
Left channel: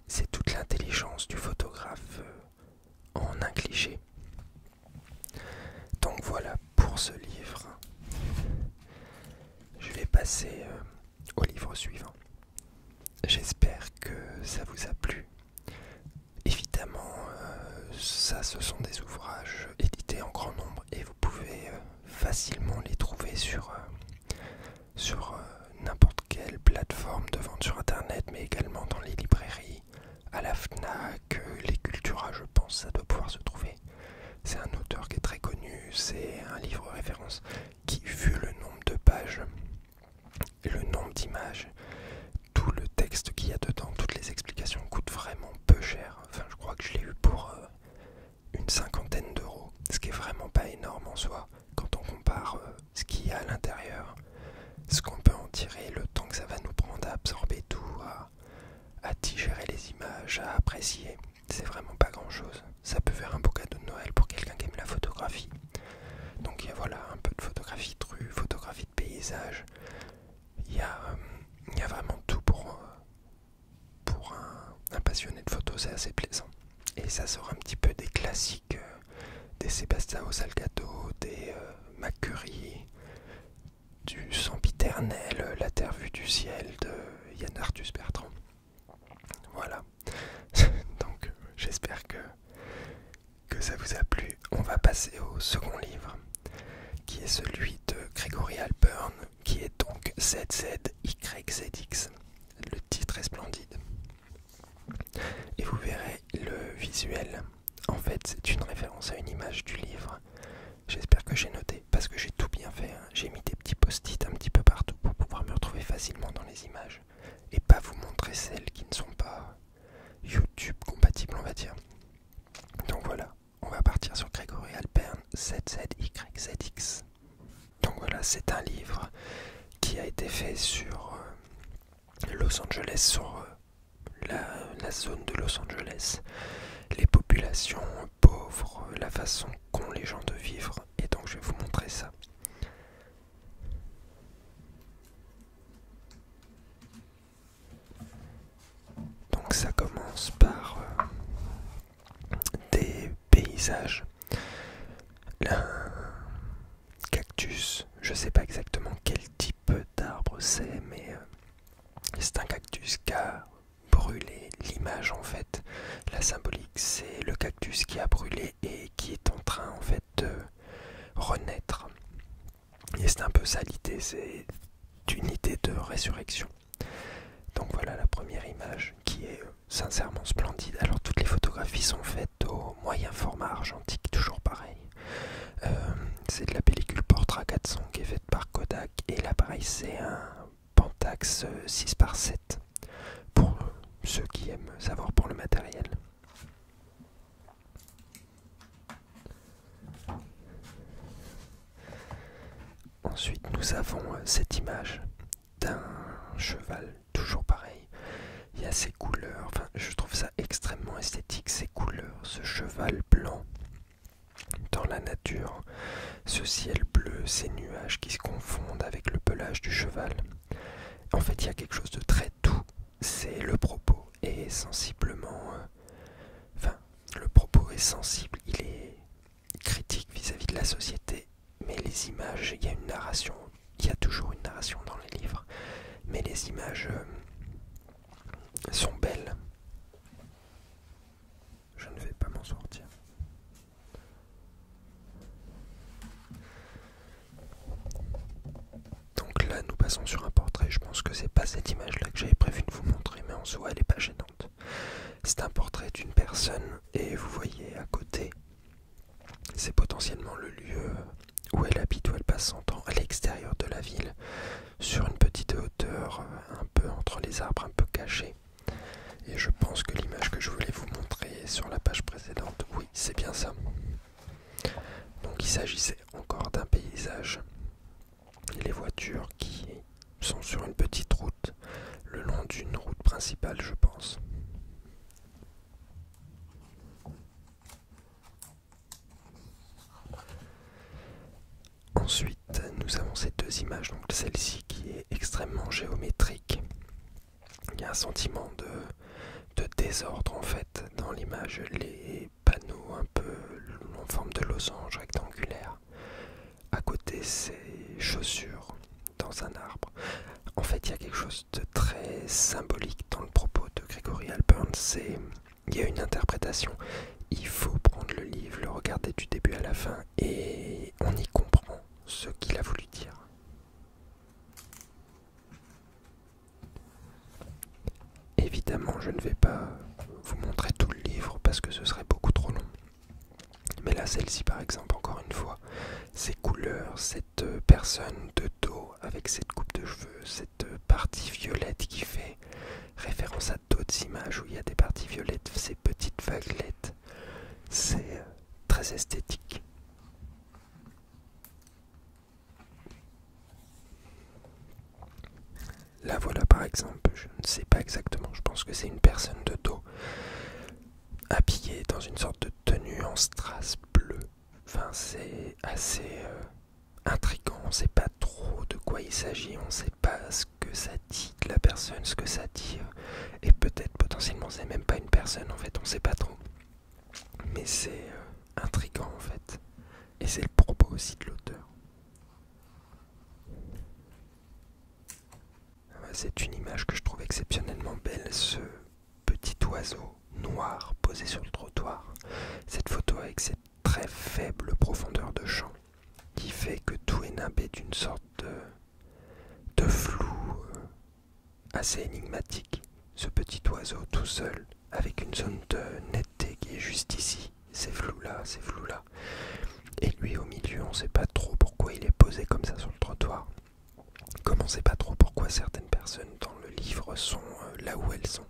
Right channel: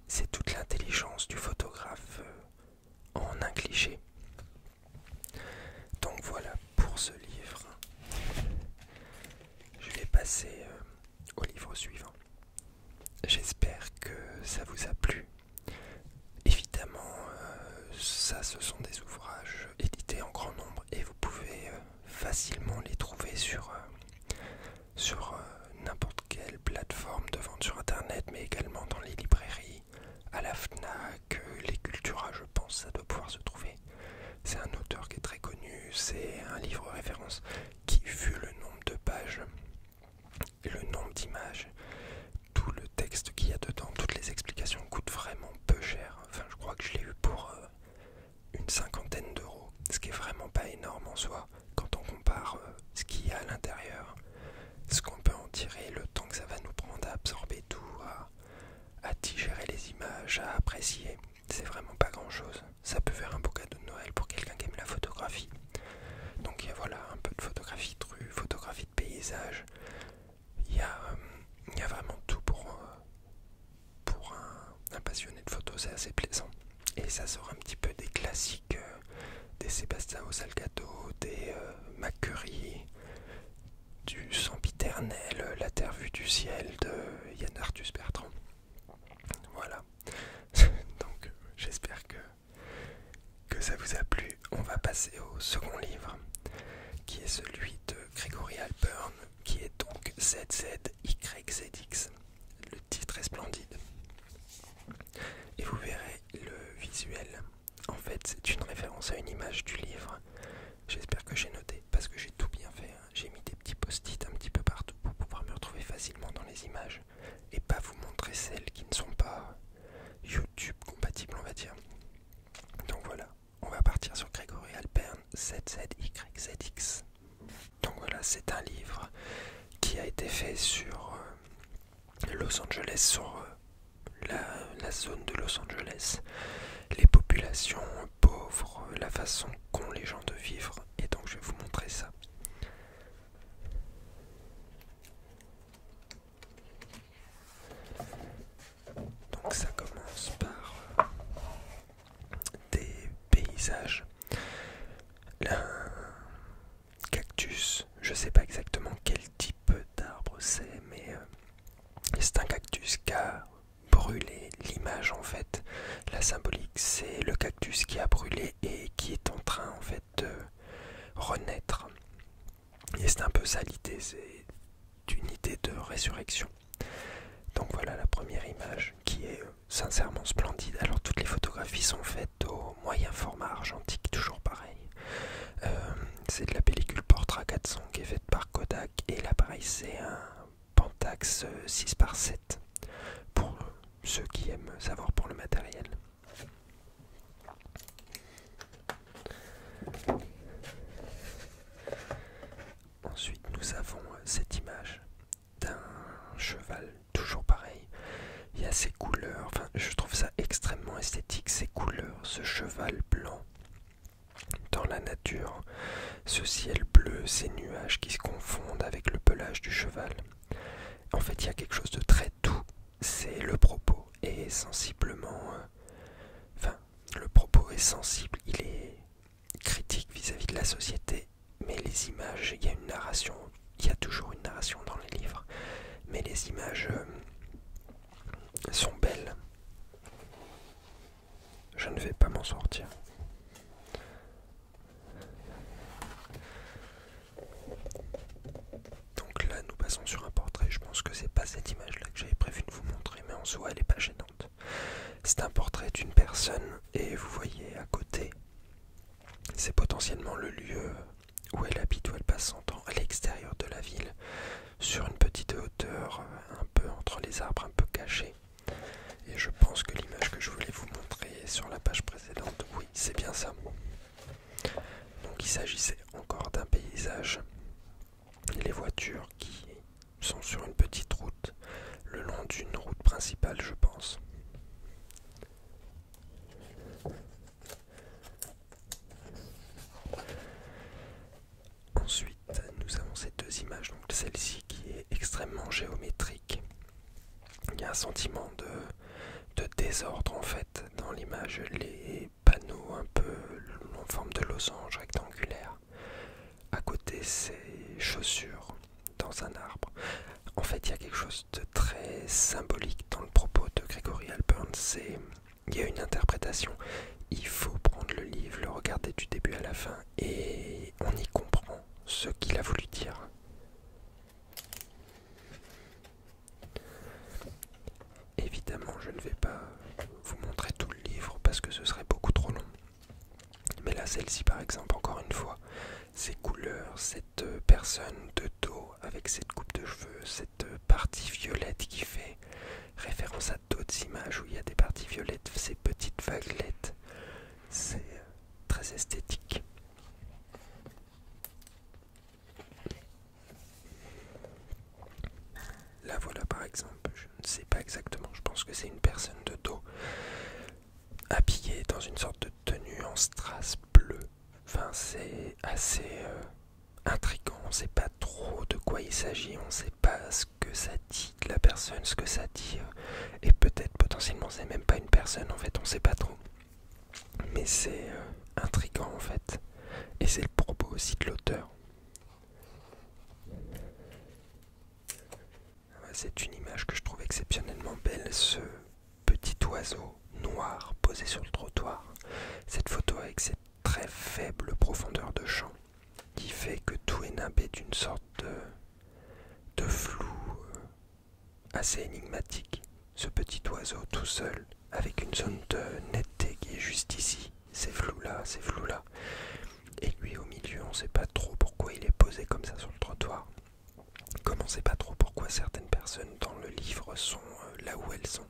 c'est toute l'intelligence du photographe en un cliché. Donc voilà pour ce livre. Je vais passer au livre suivant. J'espère que ça vous a plu. Évidemment, ça ce sont des ouvrages édités en grand nombre et vous pouvez facilement les trouver sur n'importe quelle plateforme de vente sur internet, mais également dans les librairies, à la FNAC, les Cultura, je pense, ça doit pouvoir se trouver. C'est un auteur qui est très connu, c'est un livre référencé pense, qui, vu le nombre de pages et le nombre d'images, tout le texte qu'il y a dedans, toutes les explications coûtent vraiment peu cher. Enfin, je crois que je l'ai eu pour une cinquantaine d'euros, ce qui est vraiment pas énorme en soi quand on compare ce qu'il y a à l'intérieur, ce qu'on peut en tirer, le temps que ça va nous prendre à absorber tout, à digérer les images, à apprécier. C'est vraiment pas grand chose. Ça peut faire un beau cadeau de Noël pour quelqu'un qui aime la photographie. Donc il y a voilà un peu de photographie de rue, photographie de paysage. Il y a vraiment tout pour un passionné de photo, c'est assez plaisant. Et ça sort un petit peu des classiques, des Sébastien Salgado, des Macurie, du Sempiternel, La Terre vue du ciel de Yann Arthus Bertrand. Voilà. Donc j'espère que ça vous a plu. On va passer au second livre, qui est celui de Gregory Alpern, qui est donc ZZYZX. Le titre est splendide. Et vous verrez le visuel. En fait, c'est une référence à une image du livre. J'espère que j'ai noté, parce que j'ai tout bien fait. J'ai mis des petits post-it un petit peu partout pour pouvoir me retrouver facilement dans les images. Et pas vous montrer celles qui ne sont pas YouTube compatibles, on va dire. Donc voilà, on va partir sur Gregory Alpern, ZZYZX. Donc voilà, c'est un livre qui a été fait sur Los Angeles, sur la zone de Los Angeles, les populations pauvres, la façon qu'ont les gens de vivre, et donc je vais vous montrer ça. Donc ça commence par des paysages, un cactus, je sais pas exactement quel type d'arbre c'est, mais c'est un cactus qui a brûlé. L'image en fait, la symbolique, c'est le cactus qui a brûlé et qui est en train en fait de renaître. Et c'est un peu ça l'idée, c'est une idée de résurrection. Donc voilà la première image qui est sincèrement splendide. Alors toutes les photographies sont faites au moyen format argentique, toujours pareil. C'est de la pellicule Portra 400 qui est faite par Kodak, et l'appareil c'est un Pentax 6x7 pour ceux qui aiment savoir pour le matériel. Ensuite nous avons cette image d'un cheval, toujours pareil. Il y a ces couleurs, enfin je trouve ça extrêmement esthétique, ces couleurs, ce cheval blanc dans la nature, ce ciel bleu, ces nuages qui se confondent avec le pelage du cheval. En fait il y a quelque chose de très doux, c'est le propos est sensiblement... le propos est sensible, il est critique vis-à-vis de la société, mais les images, il y a une narration, il y a toujours une narration dans les livres, mais les images sont belles. Je ne vais pas m'en sortir. Donc là, nous passons sur un portrait. Je pense que c'est pas cette image-là que j'avais prévu de vous montrer, mais en soi, elle est pas gênante. C'est un portrait d'une personne, et vous voyez à côté, c'est potentiellement le lieu où elle habite, où elle passe son temps, à l'extérieur de la ville, sur une petite hauteur, un peu entre les arbres, un peu cachée. Et je pense que l'image que je voulais vous montrer sur la page précédente, oui, c'est bien ça. Donc il s'agissait encore d'un paysage. Les voitures qui sont sur une petite route, le long d'une route principale, je pense. Ensuite, nous avons ces deux images, donc celle-ci qui est extrêmement géométrique. Il y a un sentiment de désordre en fait dans l'image, les panneaux un peu en forme de losange rectangulaire. À côté, ces chaussures dans un arbre. En fait, il y a quelque chose de très symbolique dans le propos de Gregory Alpern. Il y a une interprétation. Il faut prendre le livre, le regarder du début à la fin, et on y comprend ce qu'il a voulu dire. Évidemment, je ne vais pas vous montrer tout le livre parce que ce serait beaucoup trop long. Mais là, celle-ci, par exemple, encore une fois, ces couleurs, cette personne de dos avec cette coupe de cheveux, cette partie violette qui fait référence à d'autres images où il y a des parties violettes, ces petites vaguelettes, c'est très esthétique. Là voilà par exemple, je ne sais pas exactement, je pense que c'est une personne de dos habillée dans une sorte de tenue en strass bleu. Enfin c'est assez intriguant, on ne sait pas trop de quoi il s'agit, on ne sait pas ce que ça dit de la personne, ce que ça dit, et peut-être potentiellement c'est même pas une personne en fait, on ne sait pas trop. Mais c'est intriguant en fait, et c'est le propos aussi de l'auteur. C'est une image que je trouve exceptionnellement belle, ce petit oiseau noir posé sur le trottoir. Cette photo avec cette très faible profondeur de champ qui fait que tout est nimbé d'une sorte de flou assez énigmatique. Ce petit oiseau tout seul avec une zone de netteté qui est juste ici. Ces flous-là, ces flous-là. Et lui au milieu, on ne sait pas trop pourquoi il est posé comme ça sur le trottoir. Comme on ne sait pas trop pourquoi certaines personnes dans le livre sont là où elles sont.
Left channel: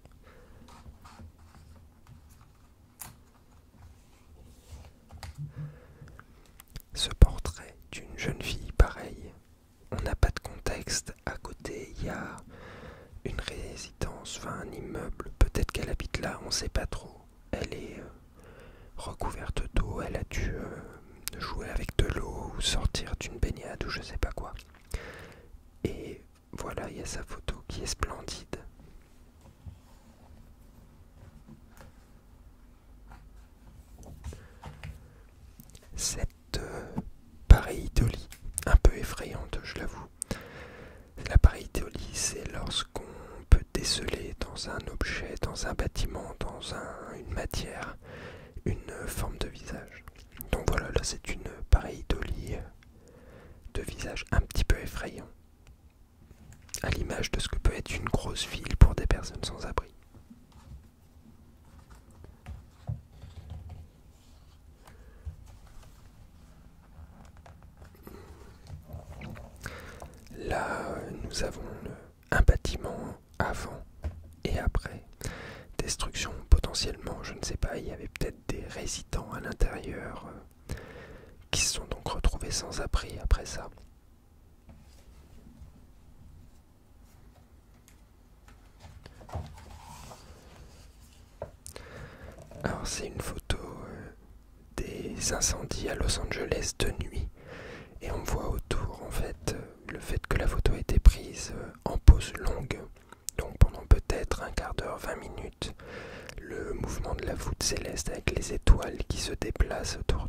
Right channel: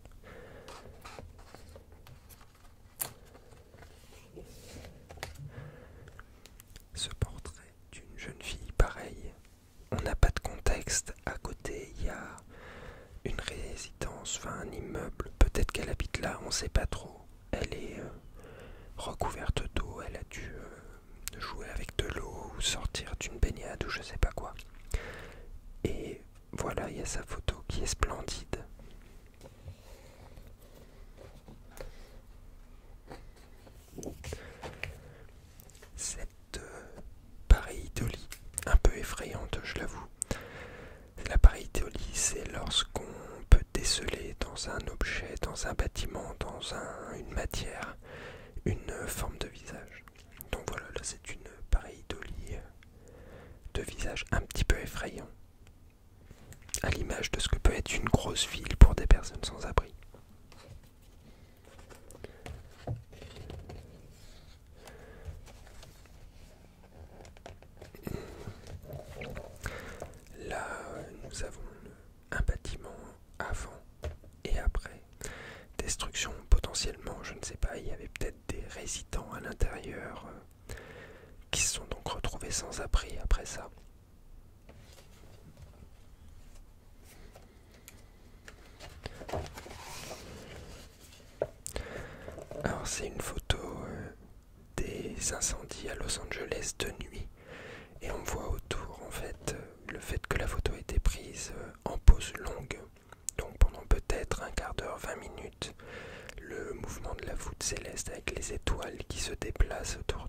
Ce portrait d'une jeune fille pareille, on n'a pas de contexte. À côté, il y a une résidence, enfin un immeuble. Peut-être qu'elle habite là, on ne sait pas trop. Elle est recouverte d'eau, elle a dû jouer avec de l'eau ou sortir d'une baignade ou je sais pas quoi. Et voilà, il y a sa photo qui est splendide. Cette pareidolie, un peu effrayante, je l'avoue. La pareidolie, c'est lorsqu'on peut déceler dans un objet, dans un bâtiment, dans une matière, une forme de visage. Donc voilà, là c'est une pareidolie de visage un petit peu effrayant, à l'image de ce que peut être une grosse ville pour des personnes sans abri. Là, nous avons un bâtiment avant et après. Destruction potentiellement, je ne sais pas, il y avait peut-être des résidents à l'intérieur qui se sont donc retrouvés sans abri après ça. Alors c'est une photo des incendies à Los Angeles de nuit et on voit autour en fait le fait que la photo a été prise en pause longue, donc pendant peut-être un quart d'heure, 20 minutes, le mouvement de la voûte céleste avec les étoiles qui se déplacent autour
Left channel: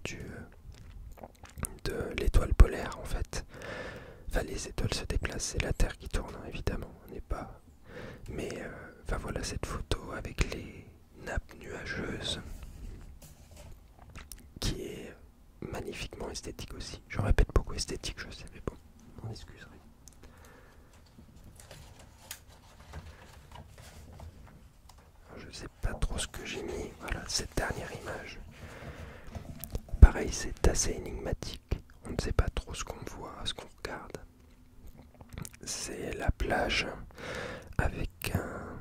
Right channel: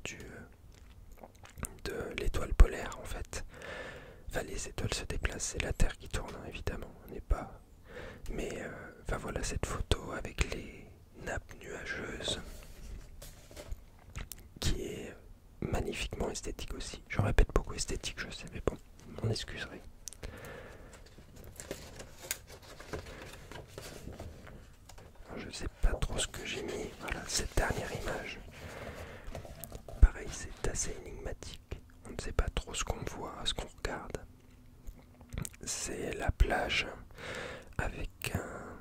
de l'étoile polaire en fait. Enfin les étoiles se déplacent, c'est la Terre qui tourne hein, évidemment, on n'est pas... Mais enfin voilà cette photo avec les nappes nuageuses qui est magnifiquement esthétique aussi. Je répète beaucoup esthétique, je sais, mais bon, m'en excuserai. Alors, je sais pas trop ce que j'ai mis. Voilà, cette dernière image. Pareil, c'est assez énigmatique. On ne sait pas trop ce qu'on voit, ce qu'on regarde. C'est la plage avec un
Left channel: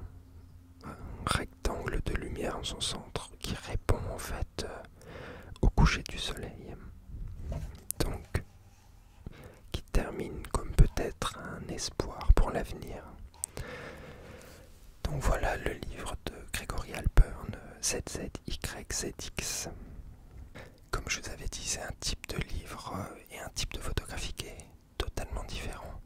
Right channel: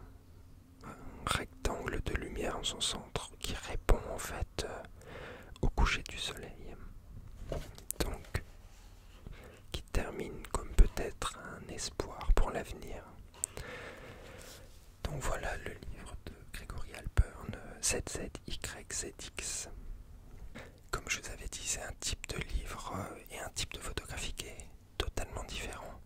rectangle de lumière en son centre qui répond en fait au coucher du soleil. Donc, qui termine comme peut-être un espoir pour l'avenir. Donc voilà le livre de Gregory Halpern, ZZYZX. Comme je vous avais dit, c'est un type de livre et un type de photographie qui est totalement différent.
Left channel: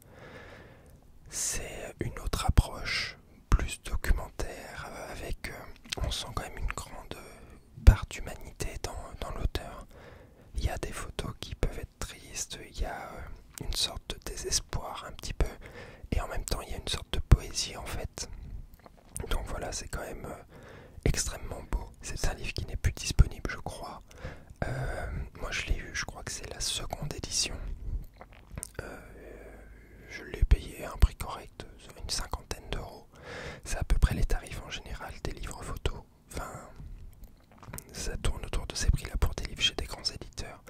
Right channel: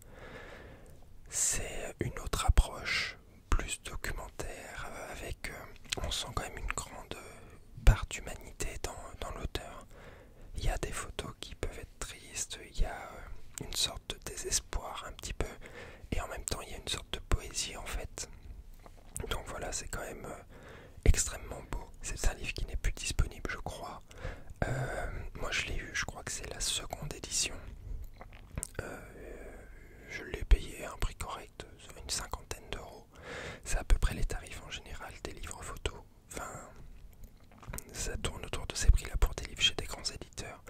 C'est une autre approche, plus documentaire, avec, on sent quand même une grande part d'humanité dans l'auteur. Il y a des photos qui peuvent être tristes, il y a une sorte de désespoir un petit peu, et en même temps il y a une sorte de poésie en fait. Donc voilà, c'est quand même extrêmement beau. C'est un livre qui n'est plus disponible, je crois. Moi je l'ai eu, je crois que c'est la seconde édition. Je l'ai payé à un prix correct, une cinquantaine d'euros. C'est à peu près les tarifs en général des livres photos. Enfin, ça tourne autour de ces prix-là pour des livres chez des grands éditeurs.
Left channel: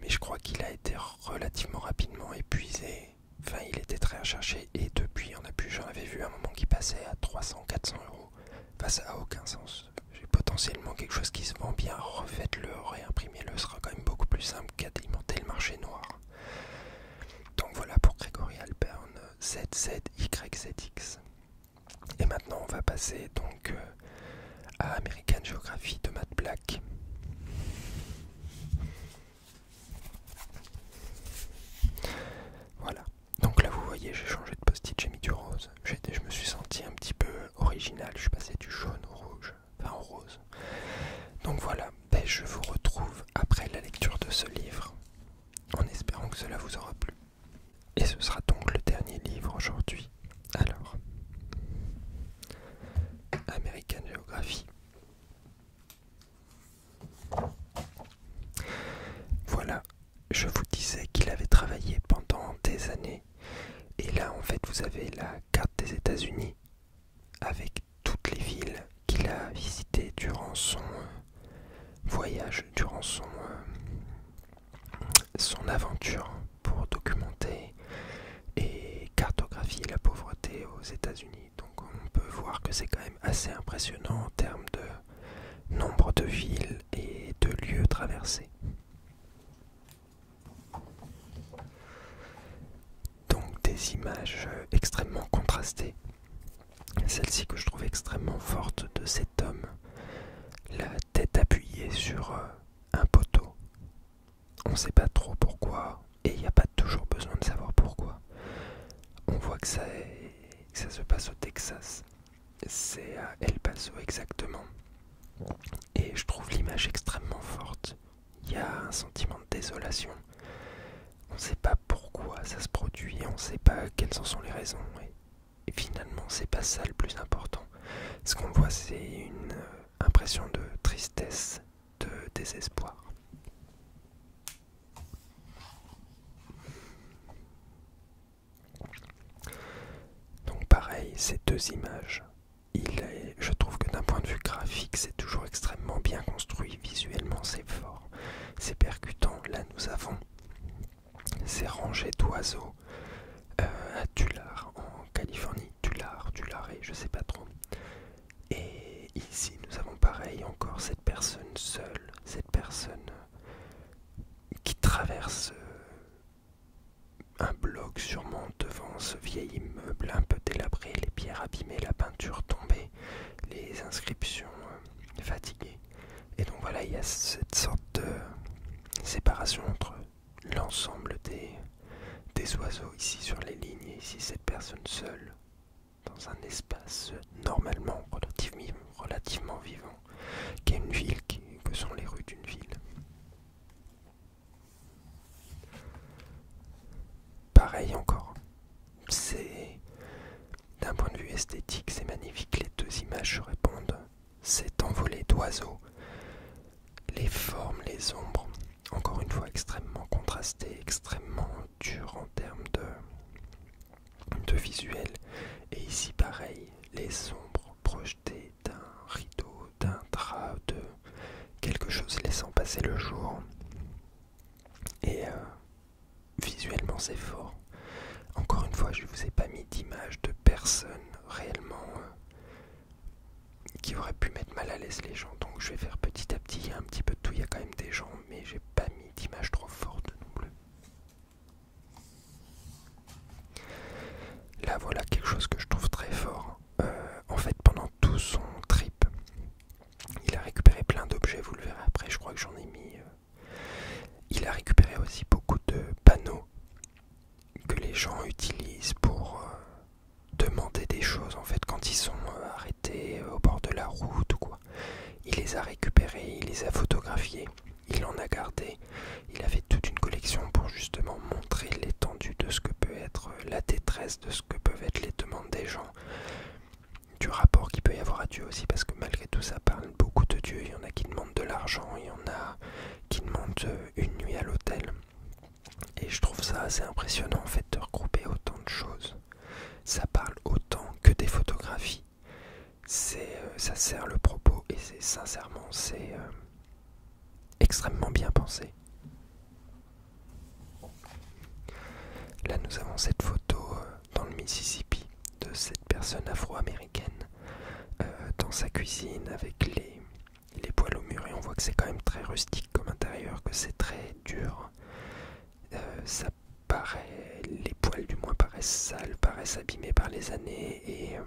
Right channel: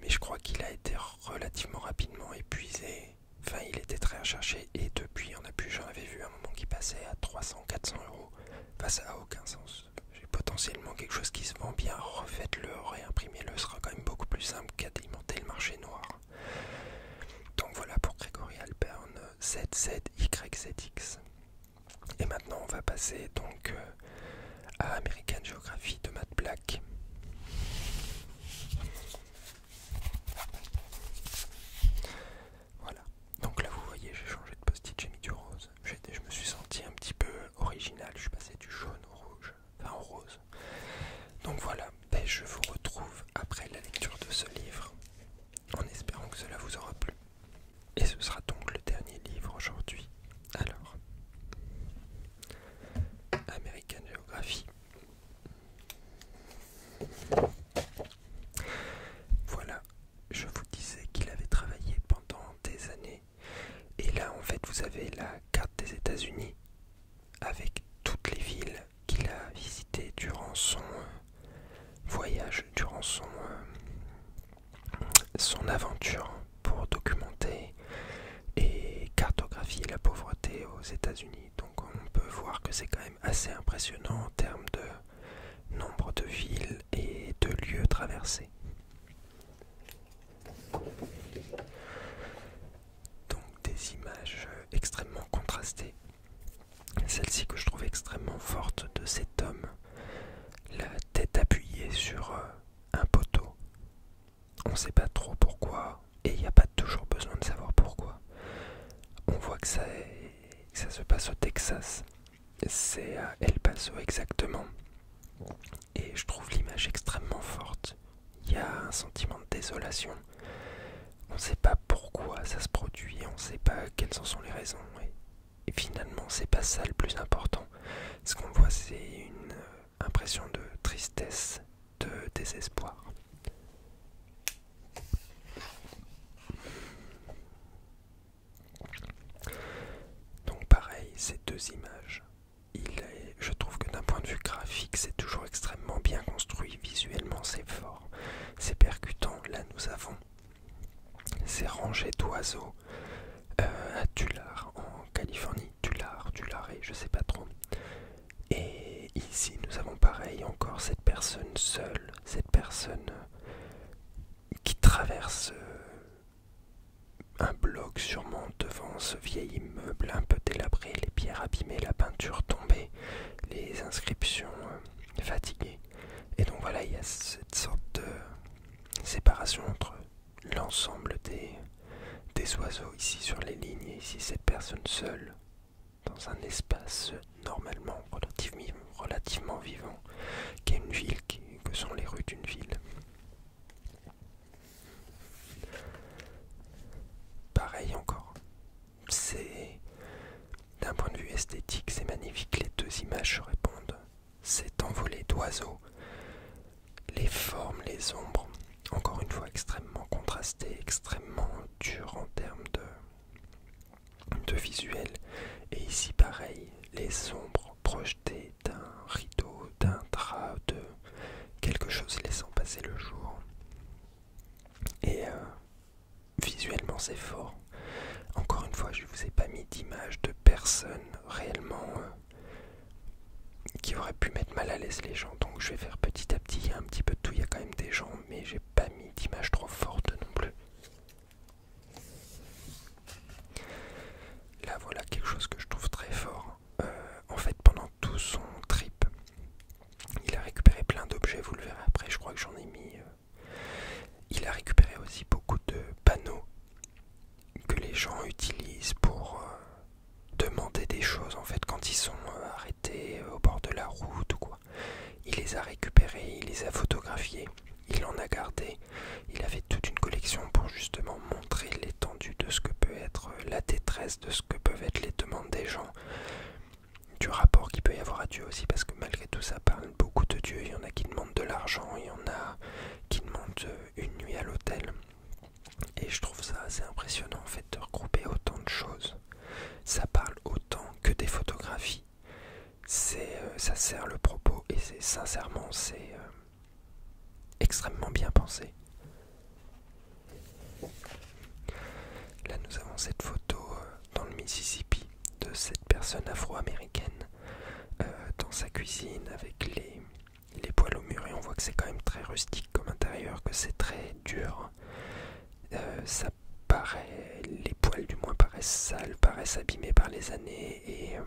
Mais je crois qu'il a été relativement rapidement épuisé. Enfin, il était très recherché et depuis, j'en avais vu un moment qui passait à 300-400 euros. Enfin, ça n'a aucun sens. J'ai potentiellement quelque chose qui se vend bien, refaites-le, réimprimez-le, sera quand même beaucoup plus simple qu'alimenter le marché noir. Donc voilà pour Gregory Halpern, ZZYZX. Et maintenant, on va passer donc à American Geography de Matt Black. Voilà. Donc là, vous voyez, j'ai changé de post-it, j'ai mis du rose. Je me suis senti un petit peu original. Je suis passé du jaune au rouge, enfin au rose. Donc voilà, je vous retrouve après la lecture de ce livre, en espérant que cela vous aura plu. Et ce sera donc le dernier livre aujourd'hui. Alors, American Geography. Voilà, je vous disais qu'il avait travaillé pendant des années. Et là, en fait, vous avez la carte des États-Unis avec toutes les villes qu'il a visitées durant son voyage, durant son aventure pour documenter et cartographier la pauvreté aux États-Unis. Donc on peut voir que c'est quand même assez impressionnant en termes de nombre de villes et de lieux traversés. Donc des images extrêmement contrastées. Celle-ci que je trouve extrêmement forte de cet homme, la tête appuyée sur un poteau. On ne sait pas trop pourquoi, et il n'y a pas toujours besoin de savoir pourquoi. On voit que ça se passe au Texas. C'est à El Paso exactement. Et je trouve l'image extrêmement forte. Il y a un sentiment de désolation. On ne sait pas pourquoi ça se produit, on ne sait pas quelles en sont les raisons. Et finalement, c'est pas ça le plus important. Ce qu'on voit, c'est une impression de tristesse, de désespoir. Donc pareil, ces deux images, je trouve que d'un point de vue graphique, c'est toujours extrêmement bien construit. Visuellement, c'est fort, c'est percutant. Là, nous avons ces rangées d'oiseaux à Tulare, en Californie. Tulare, je sais pas trop. Et ici, nous avons pareil, encore cette personne seule, cette personne qui traverse un bloc sûrement devant ce vieil immeuble un peu délabré, les pierres abîmées, la peinture tombée, les inscriptions fatiguées. Et donc voilà, il y a cette sorte de séparation entre l'ensemble des oiseaux ici sur les lignes et ici cette personne seule dans un espace normalement relativement vivant, qui est une ville, que sont les rues d'une ville. Pareil encore, c'est d'un point de vue esthétique, c'est magnifique, les deux images se répondent. Cet envolé d'oiseaux, les formes, les ombres, encore une fois extrêmement contrasté, extrêmement dur en termes de visuel. Et ici pareil, les ombres projetées d'un rideau, d'un drap, de quelque chose laissant passer le jour. Et visuellement c'est fort. Encore une fois, je ne vous ai pas mis d'image de personnes réellement qui auraient pu mettre mal à l'aise les gens. Donc je vais faire petit à petit, il y a un petit peu de tout, il y a quand même des gens, mais j'ai pas mis d'image trop forte non plus. Là voilà quelque chose que je trouve très fort. En fait pendant tout son trip, il a récupéré plein d'objets, vous le verrez après, je crois que j'en ai mis. Il a récupéré aussi beaucoup de panneaux que les gens utilisent pour demander des choses en fait quand ils sont arrêtés au bord de la route ou quoi. Il les a récupérés, il les a photographiés, il en a gardé. Il a fait toute une collection pour justement montrer l'étendue de ce que peut être la détresse, de ce que peuvent être les demandes des gens, du rapport qu'il peut y avoir à Dieu aussi, parce que malgré tout ça parle beaucoup de Dieu. Il y en a qui demandent de l'argent, il y en a qui demandent une nuit à l'hôtel. Et je trouve ça assez impressionnant en fait de regrouper autant de choses. Ça parle autant que des photographies. Ça sert le propos et c'est extrêmement bien pensé. nous avons cette photo dans le Mississippi de cette personne afro-américaine dans sa cuisine avec les poêles au mur, et on voit que c'est quand même très rustique comme intérieur, que c'est très dur. Ça paraît, les poêles du moins paraissent sales, paraissent abîmés par les années, et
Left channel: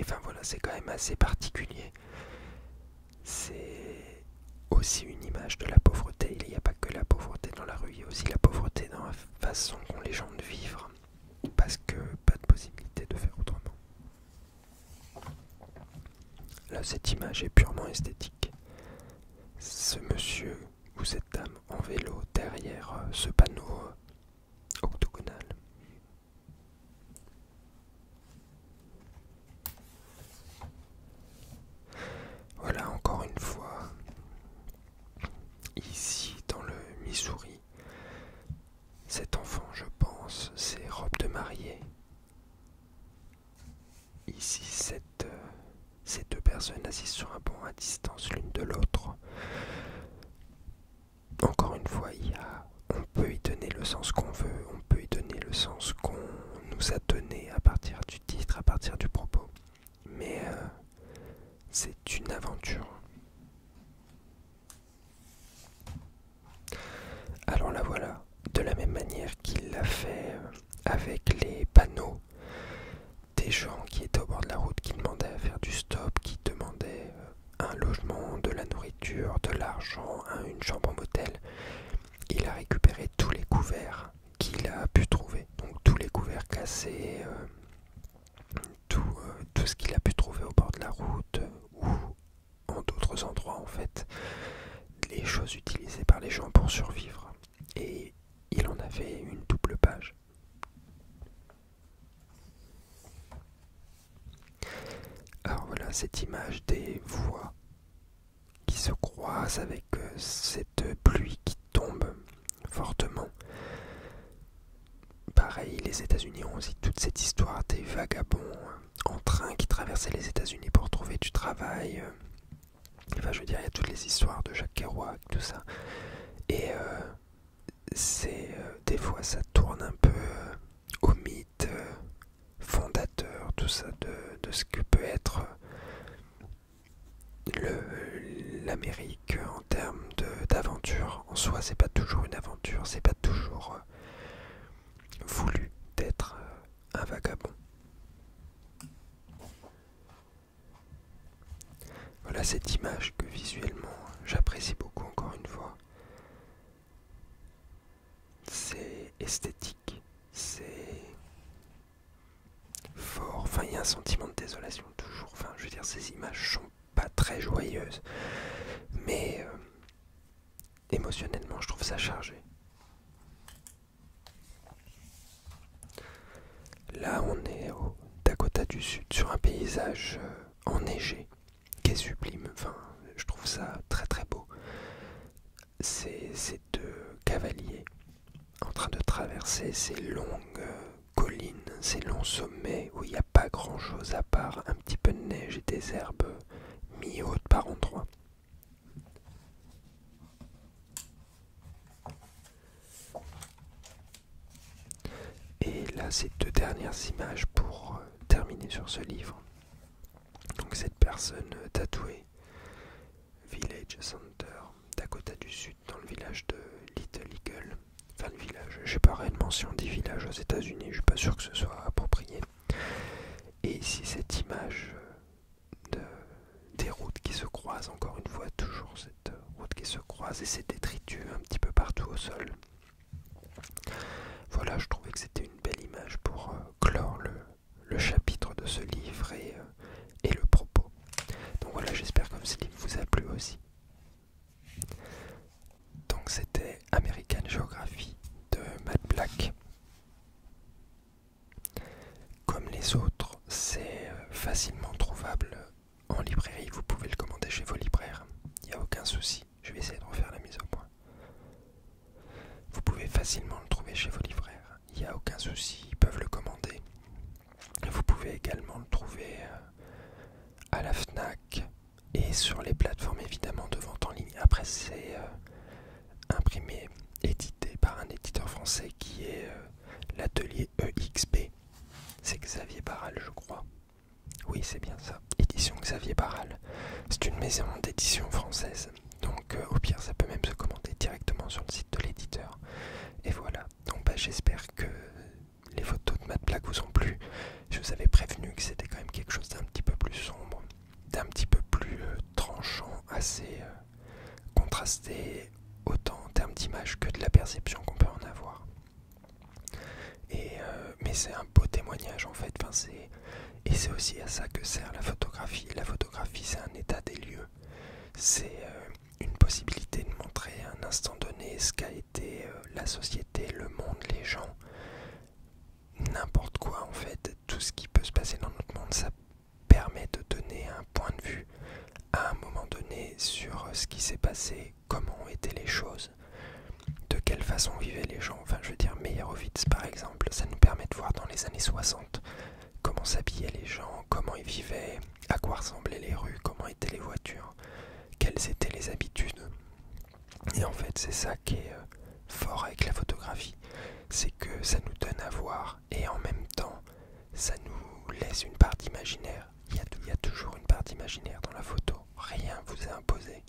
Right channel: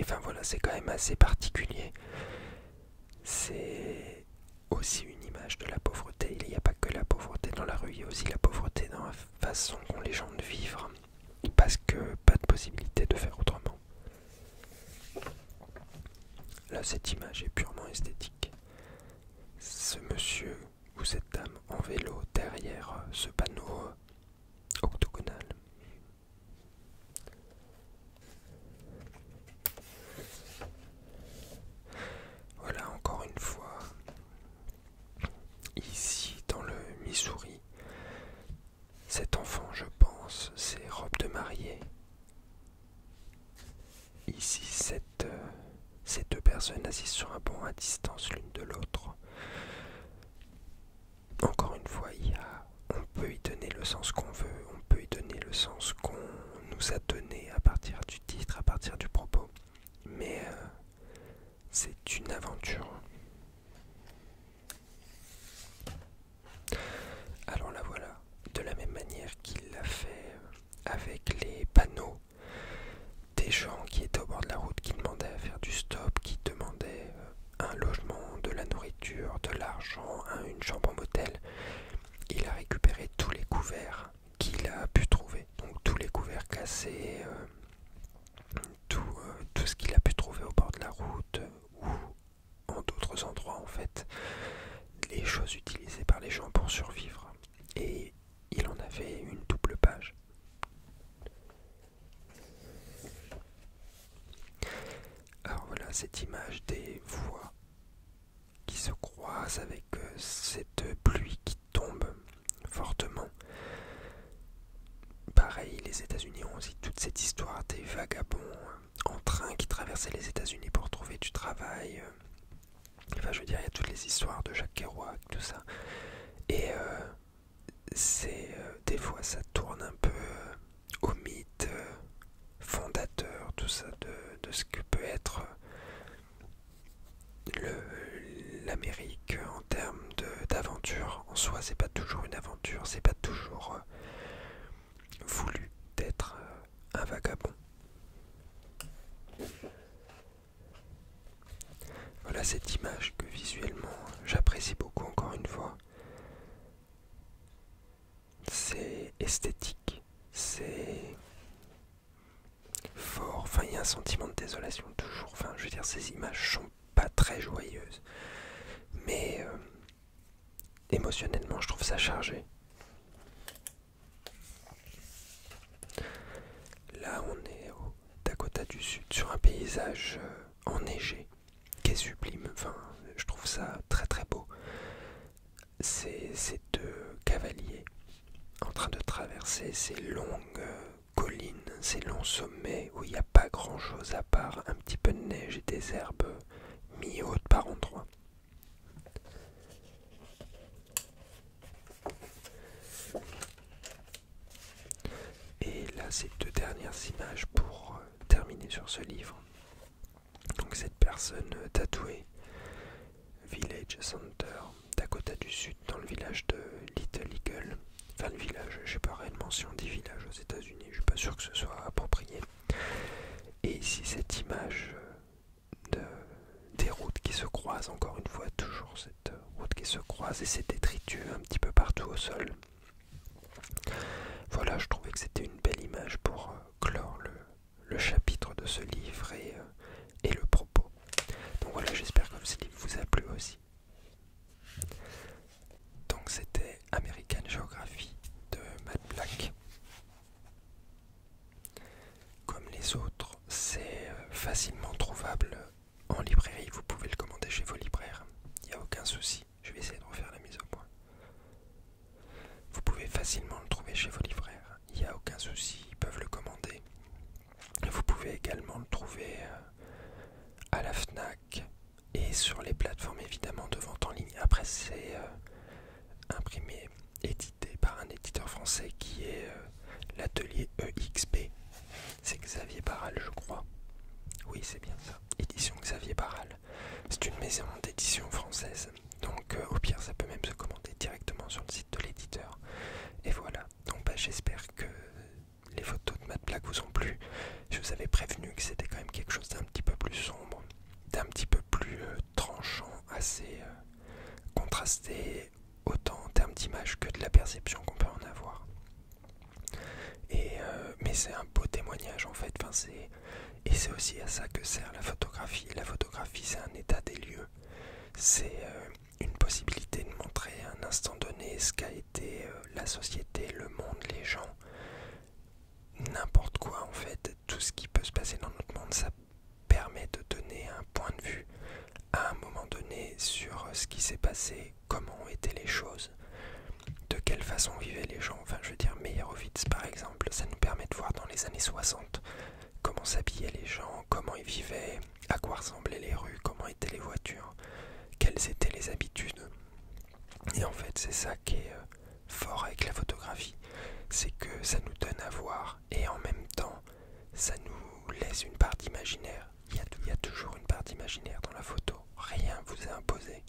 enfin voilà, c'est quand même assez particulier. C'est aussi une image de la pauvreté. Il n'y a pas que la pauvreté dans la rue, il y a aussi la pauvreté dans la façon qu'ont les gens de vivre, parce que pas de possibilité de faire autrement. Là, cette image est purement esthétique. Ce monsieur ou cette dame en vélo derrière ce panneau octogonal. Voilà, encore une fois, ici dans le Missouri, cet enfant, je pense, c'est robe de mariée. Ici, ces deux personnes assises sur un banc à distance l'une de l'autre. Encore une fois, on peut y donner le sens qu'on veut, on peut y donner le sens qu'on nous a donné à partir du titre, à partir du propos. Mais c'est une aventure. Alors là voilà, de la même manière qu'il l'a fait avec les panneaux, des gens qui étaient au bord de la route, qui demandaient à faire du stop, qui demandaient un logement, de la nourriture, de l'argent, une chambre en motel. Il a récupéré tous les couverts qu'il a pu trouver, donc tous les couverts cassés, tout ce qu'il a pu trouver au bord de la route ou en d'autres endroits en fait, les choses utilisées par les gens pour survivre. Et il en avait une double page. Alors voilà cette image des voies qui se croisent avec cette pluie qui tombe fortement. Pareil, les États-Unis ont aussi toute cette histoire des vagabonds en train qui traversaient les États-Unis pour trouver du travail. Enfin, je veux dire, il y a toutes les histoires de Jack Kerouac, tout ça. Et des fois, ça tourne un peu au mythe fondateur, tout ça, de ce que peut être l'Amérique en termes d'aventure. En soi, c'est pas toujours une aventure, c'est pas toujours voulu d'être un vagabond. Voilà cette image que visuellement j'apprécie beaucoup encore une fois. C'est esthétique, c'est fort, enfin il y a un sentiment de désolation toujours, enfin je veux dire ces images sont pas très joyeuses, mais émotionnellement je trouve ça chargé. Là on est au Dakota du Sud sur un paysage enneigé qui est sublime, enfin je trouve ça très très beau. C'est ces deux cavaliers en train de traverser ces longues collines, ces longs sommets où il n'y a pas grand chose à part un petit peu de neige et des herbes mi-hautes par endroits. Et là, ces deux dernières images pour terminer sur ce livre. Donc cette personne tatouée, Village Center, Dakota du Sud, dans le village de Little Eagle. Enfin le village, je sais pas réellement si on dit village aux États-Unis, je suis pas sûr que ce soit approprié. Et ici cette image des routes qui se croisent, encore une fois, toujours cette route qui se croise et ces détritus un petit peu partout au sol. Voilà, je trouvais que c'était une belle image pour clore le chapitre de ce livre et le propos. Donc voilà, j'espère que ce livre vous a plu aussi. Donc c'était American Geography de Matt Black. Comme les autres, c'est facilement trouvable en librairie, vous pouvez le commander chez vos libraires, il n'y a aucun souci, je vais essayer de refaire la mise au point. Vous pouvez facilement le trouver chez vos libraires, il n'y a aucun souci, ils peuvent le commander. Vous pouvez également le trouver à la FNAC et sur les plateformes évidemment de vente en ligne. Après c'est imprimé, édité par un éditeur français qui est La Atelier EXP. C'est Xavier Barral, je crois. Oui, c'est bien ça. Édition Xavier Barral. C'est une maison d'édition française. Donc au pire, ça peut même se commander directement sur le site de l'éditeur. Et voilà. Donc j'espère que les photos de Matt Black vous ont plu. Je vous avais prévenu que c'était quand même quelque chose d'un petit peu plus sombre, d'un petit peu plus tranchant, assez contrasté, autant en termes d'image que de la perception qu'on peut en avoir. Mais c'est un beau témoignage en fait. Et c'est aussi à ça que sert la photographie. La photographie, c'est un état des lieux. C'est une possibilité de montrer à un instant donné ce qu'a été la société, le monde, les gens, n'importe quoi en fait. Tout ce qui peut se passer dans notre monde, ça permet de donner un point de vue à un moment donné sur ce qui s'est passé, comment ont été les choses, de quelle façon vivaient les gens. Enfin, je veux dire, Meyerowitz par exemple, ça nous permet de voir dans les années 60 comment s'habillaient les gens, comment ils vivaient, à quoi ressemblaient les rues, comment étaient les voitures, quelles étaient les habitudes. Et en fait, c'est ça qui est fort avec la photographie, c'est que ça nous donne à voir et en même temps, ça nous laisse une part d'imaginaire. Il y a toujours une part d'imaginaire dans la photo, rien vous est imposé.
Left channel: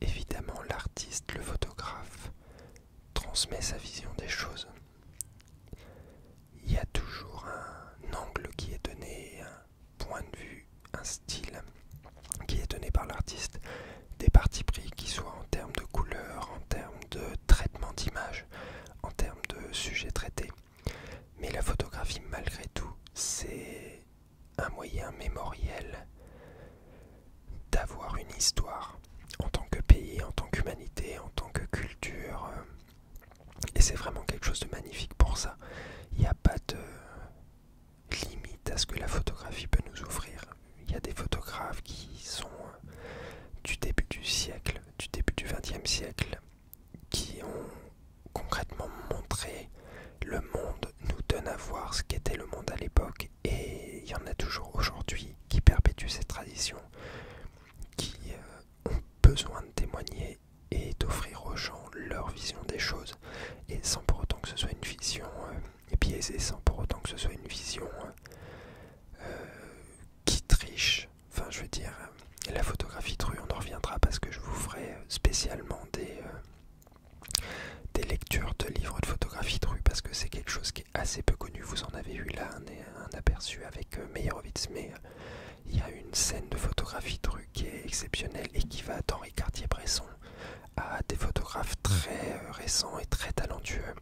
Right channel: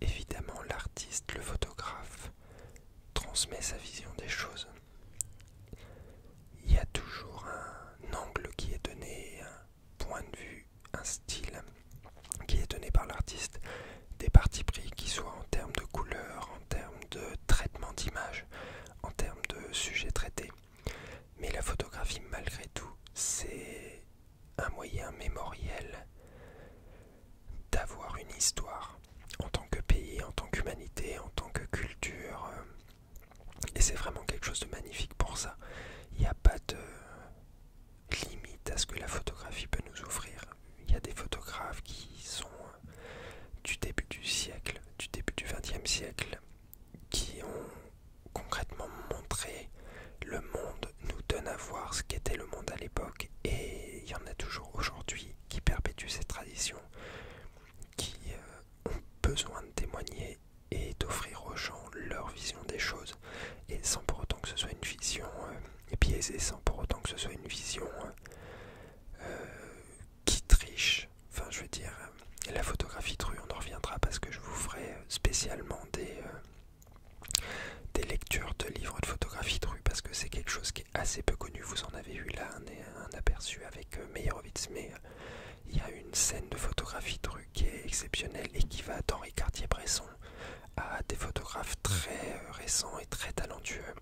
Évidemment, l'artiste, le photographe, transmet sa vision des choses. Il y a toujours un angle qui est donné, un point de vue, un style qui est donné par l'artiste, des partis pris qui soient en termes de couleur, en termes de traitement d'image, en termes de sujets traités. Mais la photographie, malgré tout, c'est un moyen mémoriel d'avoir une histoire en tant que pays, en tant qu'humanité, en tant que culture. Et c'est vraiment quelque chose de magnifique pour ça. Il n'y a pas de limite à ce que la photographie peut nous offrir. Il y a des photographes qui sont du début du siècle, du début du XXe siècle, qui ont concrètement montré le monde, nous donne à voir ce qu'était le monde à l'époque. Et il y en a toujours aujourd'hui qui perpétuent ces traditions, qui ont besoin de témoigner et d'offrir aux gens leur vision des choses, et sans pour autant que ce soit une vision biaisée, sans pour autant que ce soit une vision qui triche. Enfin, je veux dire, la photographie de rue, on en reviendra parce que je vous ferai spécialement des lectures de livres de photographie de rue, parce que c'est quelque chose qui est assez peu connu. Vous en avez eu là un aperçu avec Meyerowitz, mais il y a une scène de photographie de rue qui est exceptionnelle et qui va d'Henri Cartier-Bresson à des photographes très récents et très talentueux.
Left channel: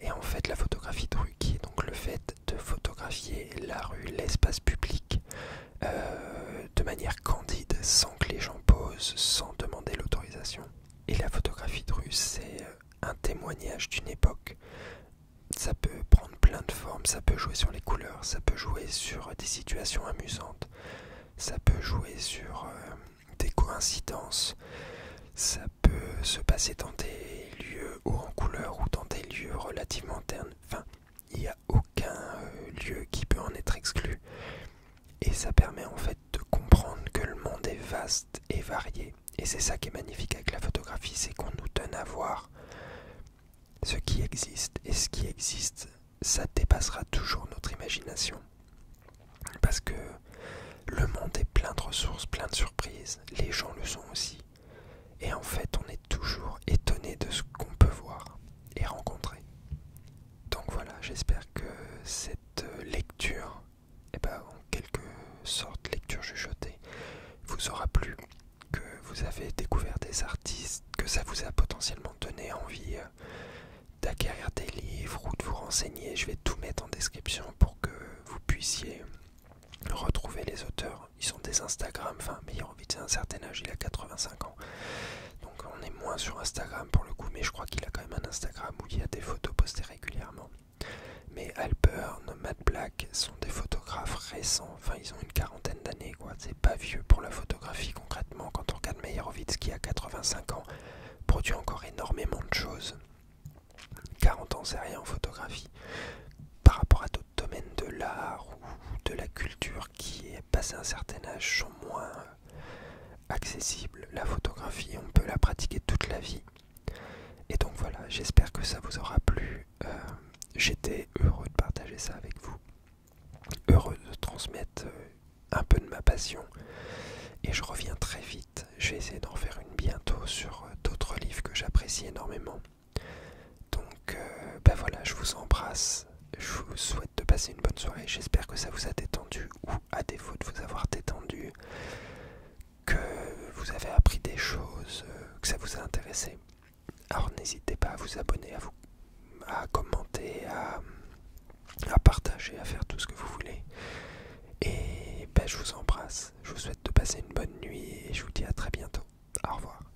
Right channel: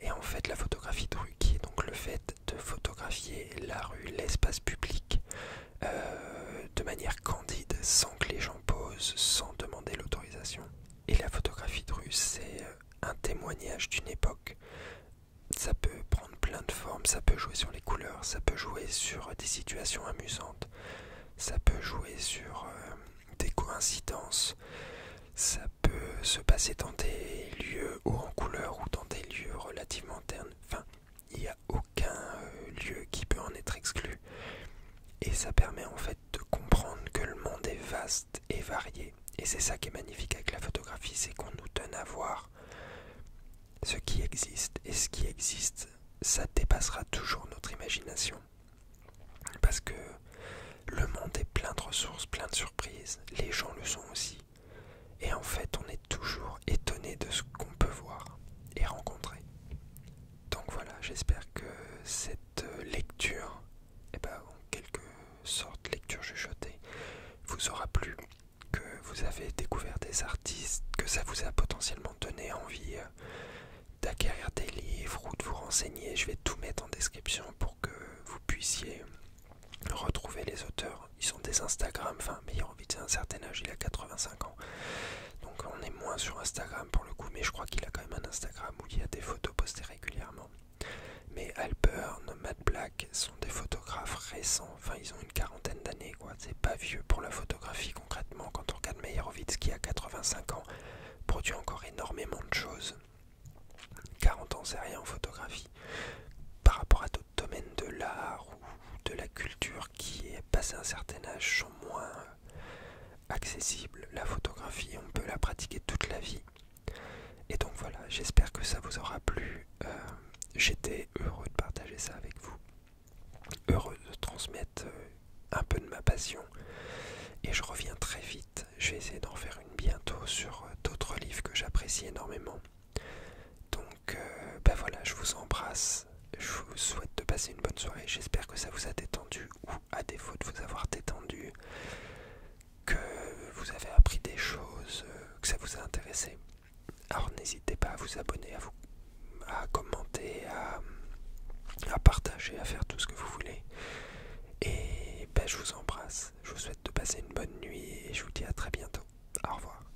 Et en fait, la photographie de rue, qui est donc le fait de photographier la rue, l'espace public, de manière candide, sans que les gens posent, sans demander l'autorisation. Et la photographie de rue, c'est un témoignage d'une époque. Ça peut prendre plein de formes, ça peut jouer sur les couleurs, ça peut jouer sur des situations amusantes, ça peut jouer sur des coïncidences, ça peut se passer dans des lieux hauts en couleur ou dans des lieux relativement ternes. Enfin, il n'y a aucun lieu qui peut en être exclu. Et ça permet en fait de comprendre que le monde est vaste et varié. Et c'est ça qui est magnifique avec la photographie, c'est qu'on nous donne à voir ce qui existe. Et ce qui existe, ça dépassera toujours notre imagination. Parce que le monde est plein de ressources, plein de surprises. Les gens le sont aussi. Et en fait, on est toujours étonné de ce qu'on peut voir et rencontrer. Donc voilà, j'espère que cette lecture, en quelque sorte lecture chuchotée, vous aura plu, que vous avez découvert des artistes, que ça vous a potentiellement donné envie d'acquérir des livres ou de vous renseigner. Je vais tout mettre en description pour que vous puissiez retrouver les auteurs. Ils ont des Instagram, Meyerowitz à un certain âge, il a 85 ans. Donc on est moins sur Instagram pour le coup, mais je crois qu'il a quand même un Instagram où il y a des photos postées régulièrement. Mais Halpern, Matt Black sont des photographes récents, ils ont une quarantaine d'années, quoi. C'est pas vieux pour la photographie concrètement. Quand on regarde Meyerowitz qui a 85 ans, produit encore énormément de choses. 40 ans, c'est rien en photographie. Par rapport à d'autres domaines de l'art ou de la culture qui est passé un certain âge sont moins accessibles. La photographie, on peut la pratiquer toute la vie. Et donc voilà, j'espère que ça vous aura plu. j'étais heureux de partager ça avec vous, heureux de transmettre un peu de ma passion. Et je reviens très vite, je vais essayer d'en faire une bientôt sur d'autres livres que j'apprécie énormément. Donc ben voilà, je vous embrasse, je vous souhaite de passer une bonne soirée, j'espère que ça vous a détendu, ou à défaut de vous avoir détendu, que vous avez appris des choses, que ça vous a intéressé. Alors n'hésitez pas à vous abonner, à commenter, à partager, à faire tout ce que vous voulez. Et ben, je vous embrasse, je vous souhaite de passer une bonne nuit et je vous dis à très bientôt. Au revoir.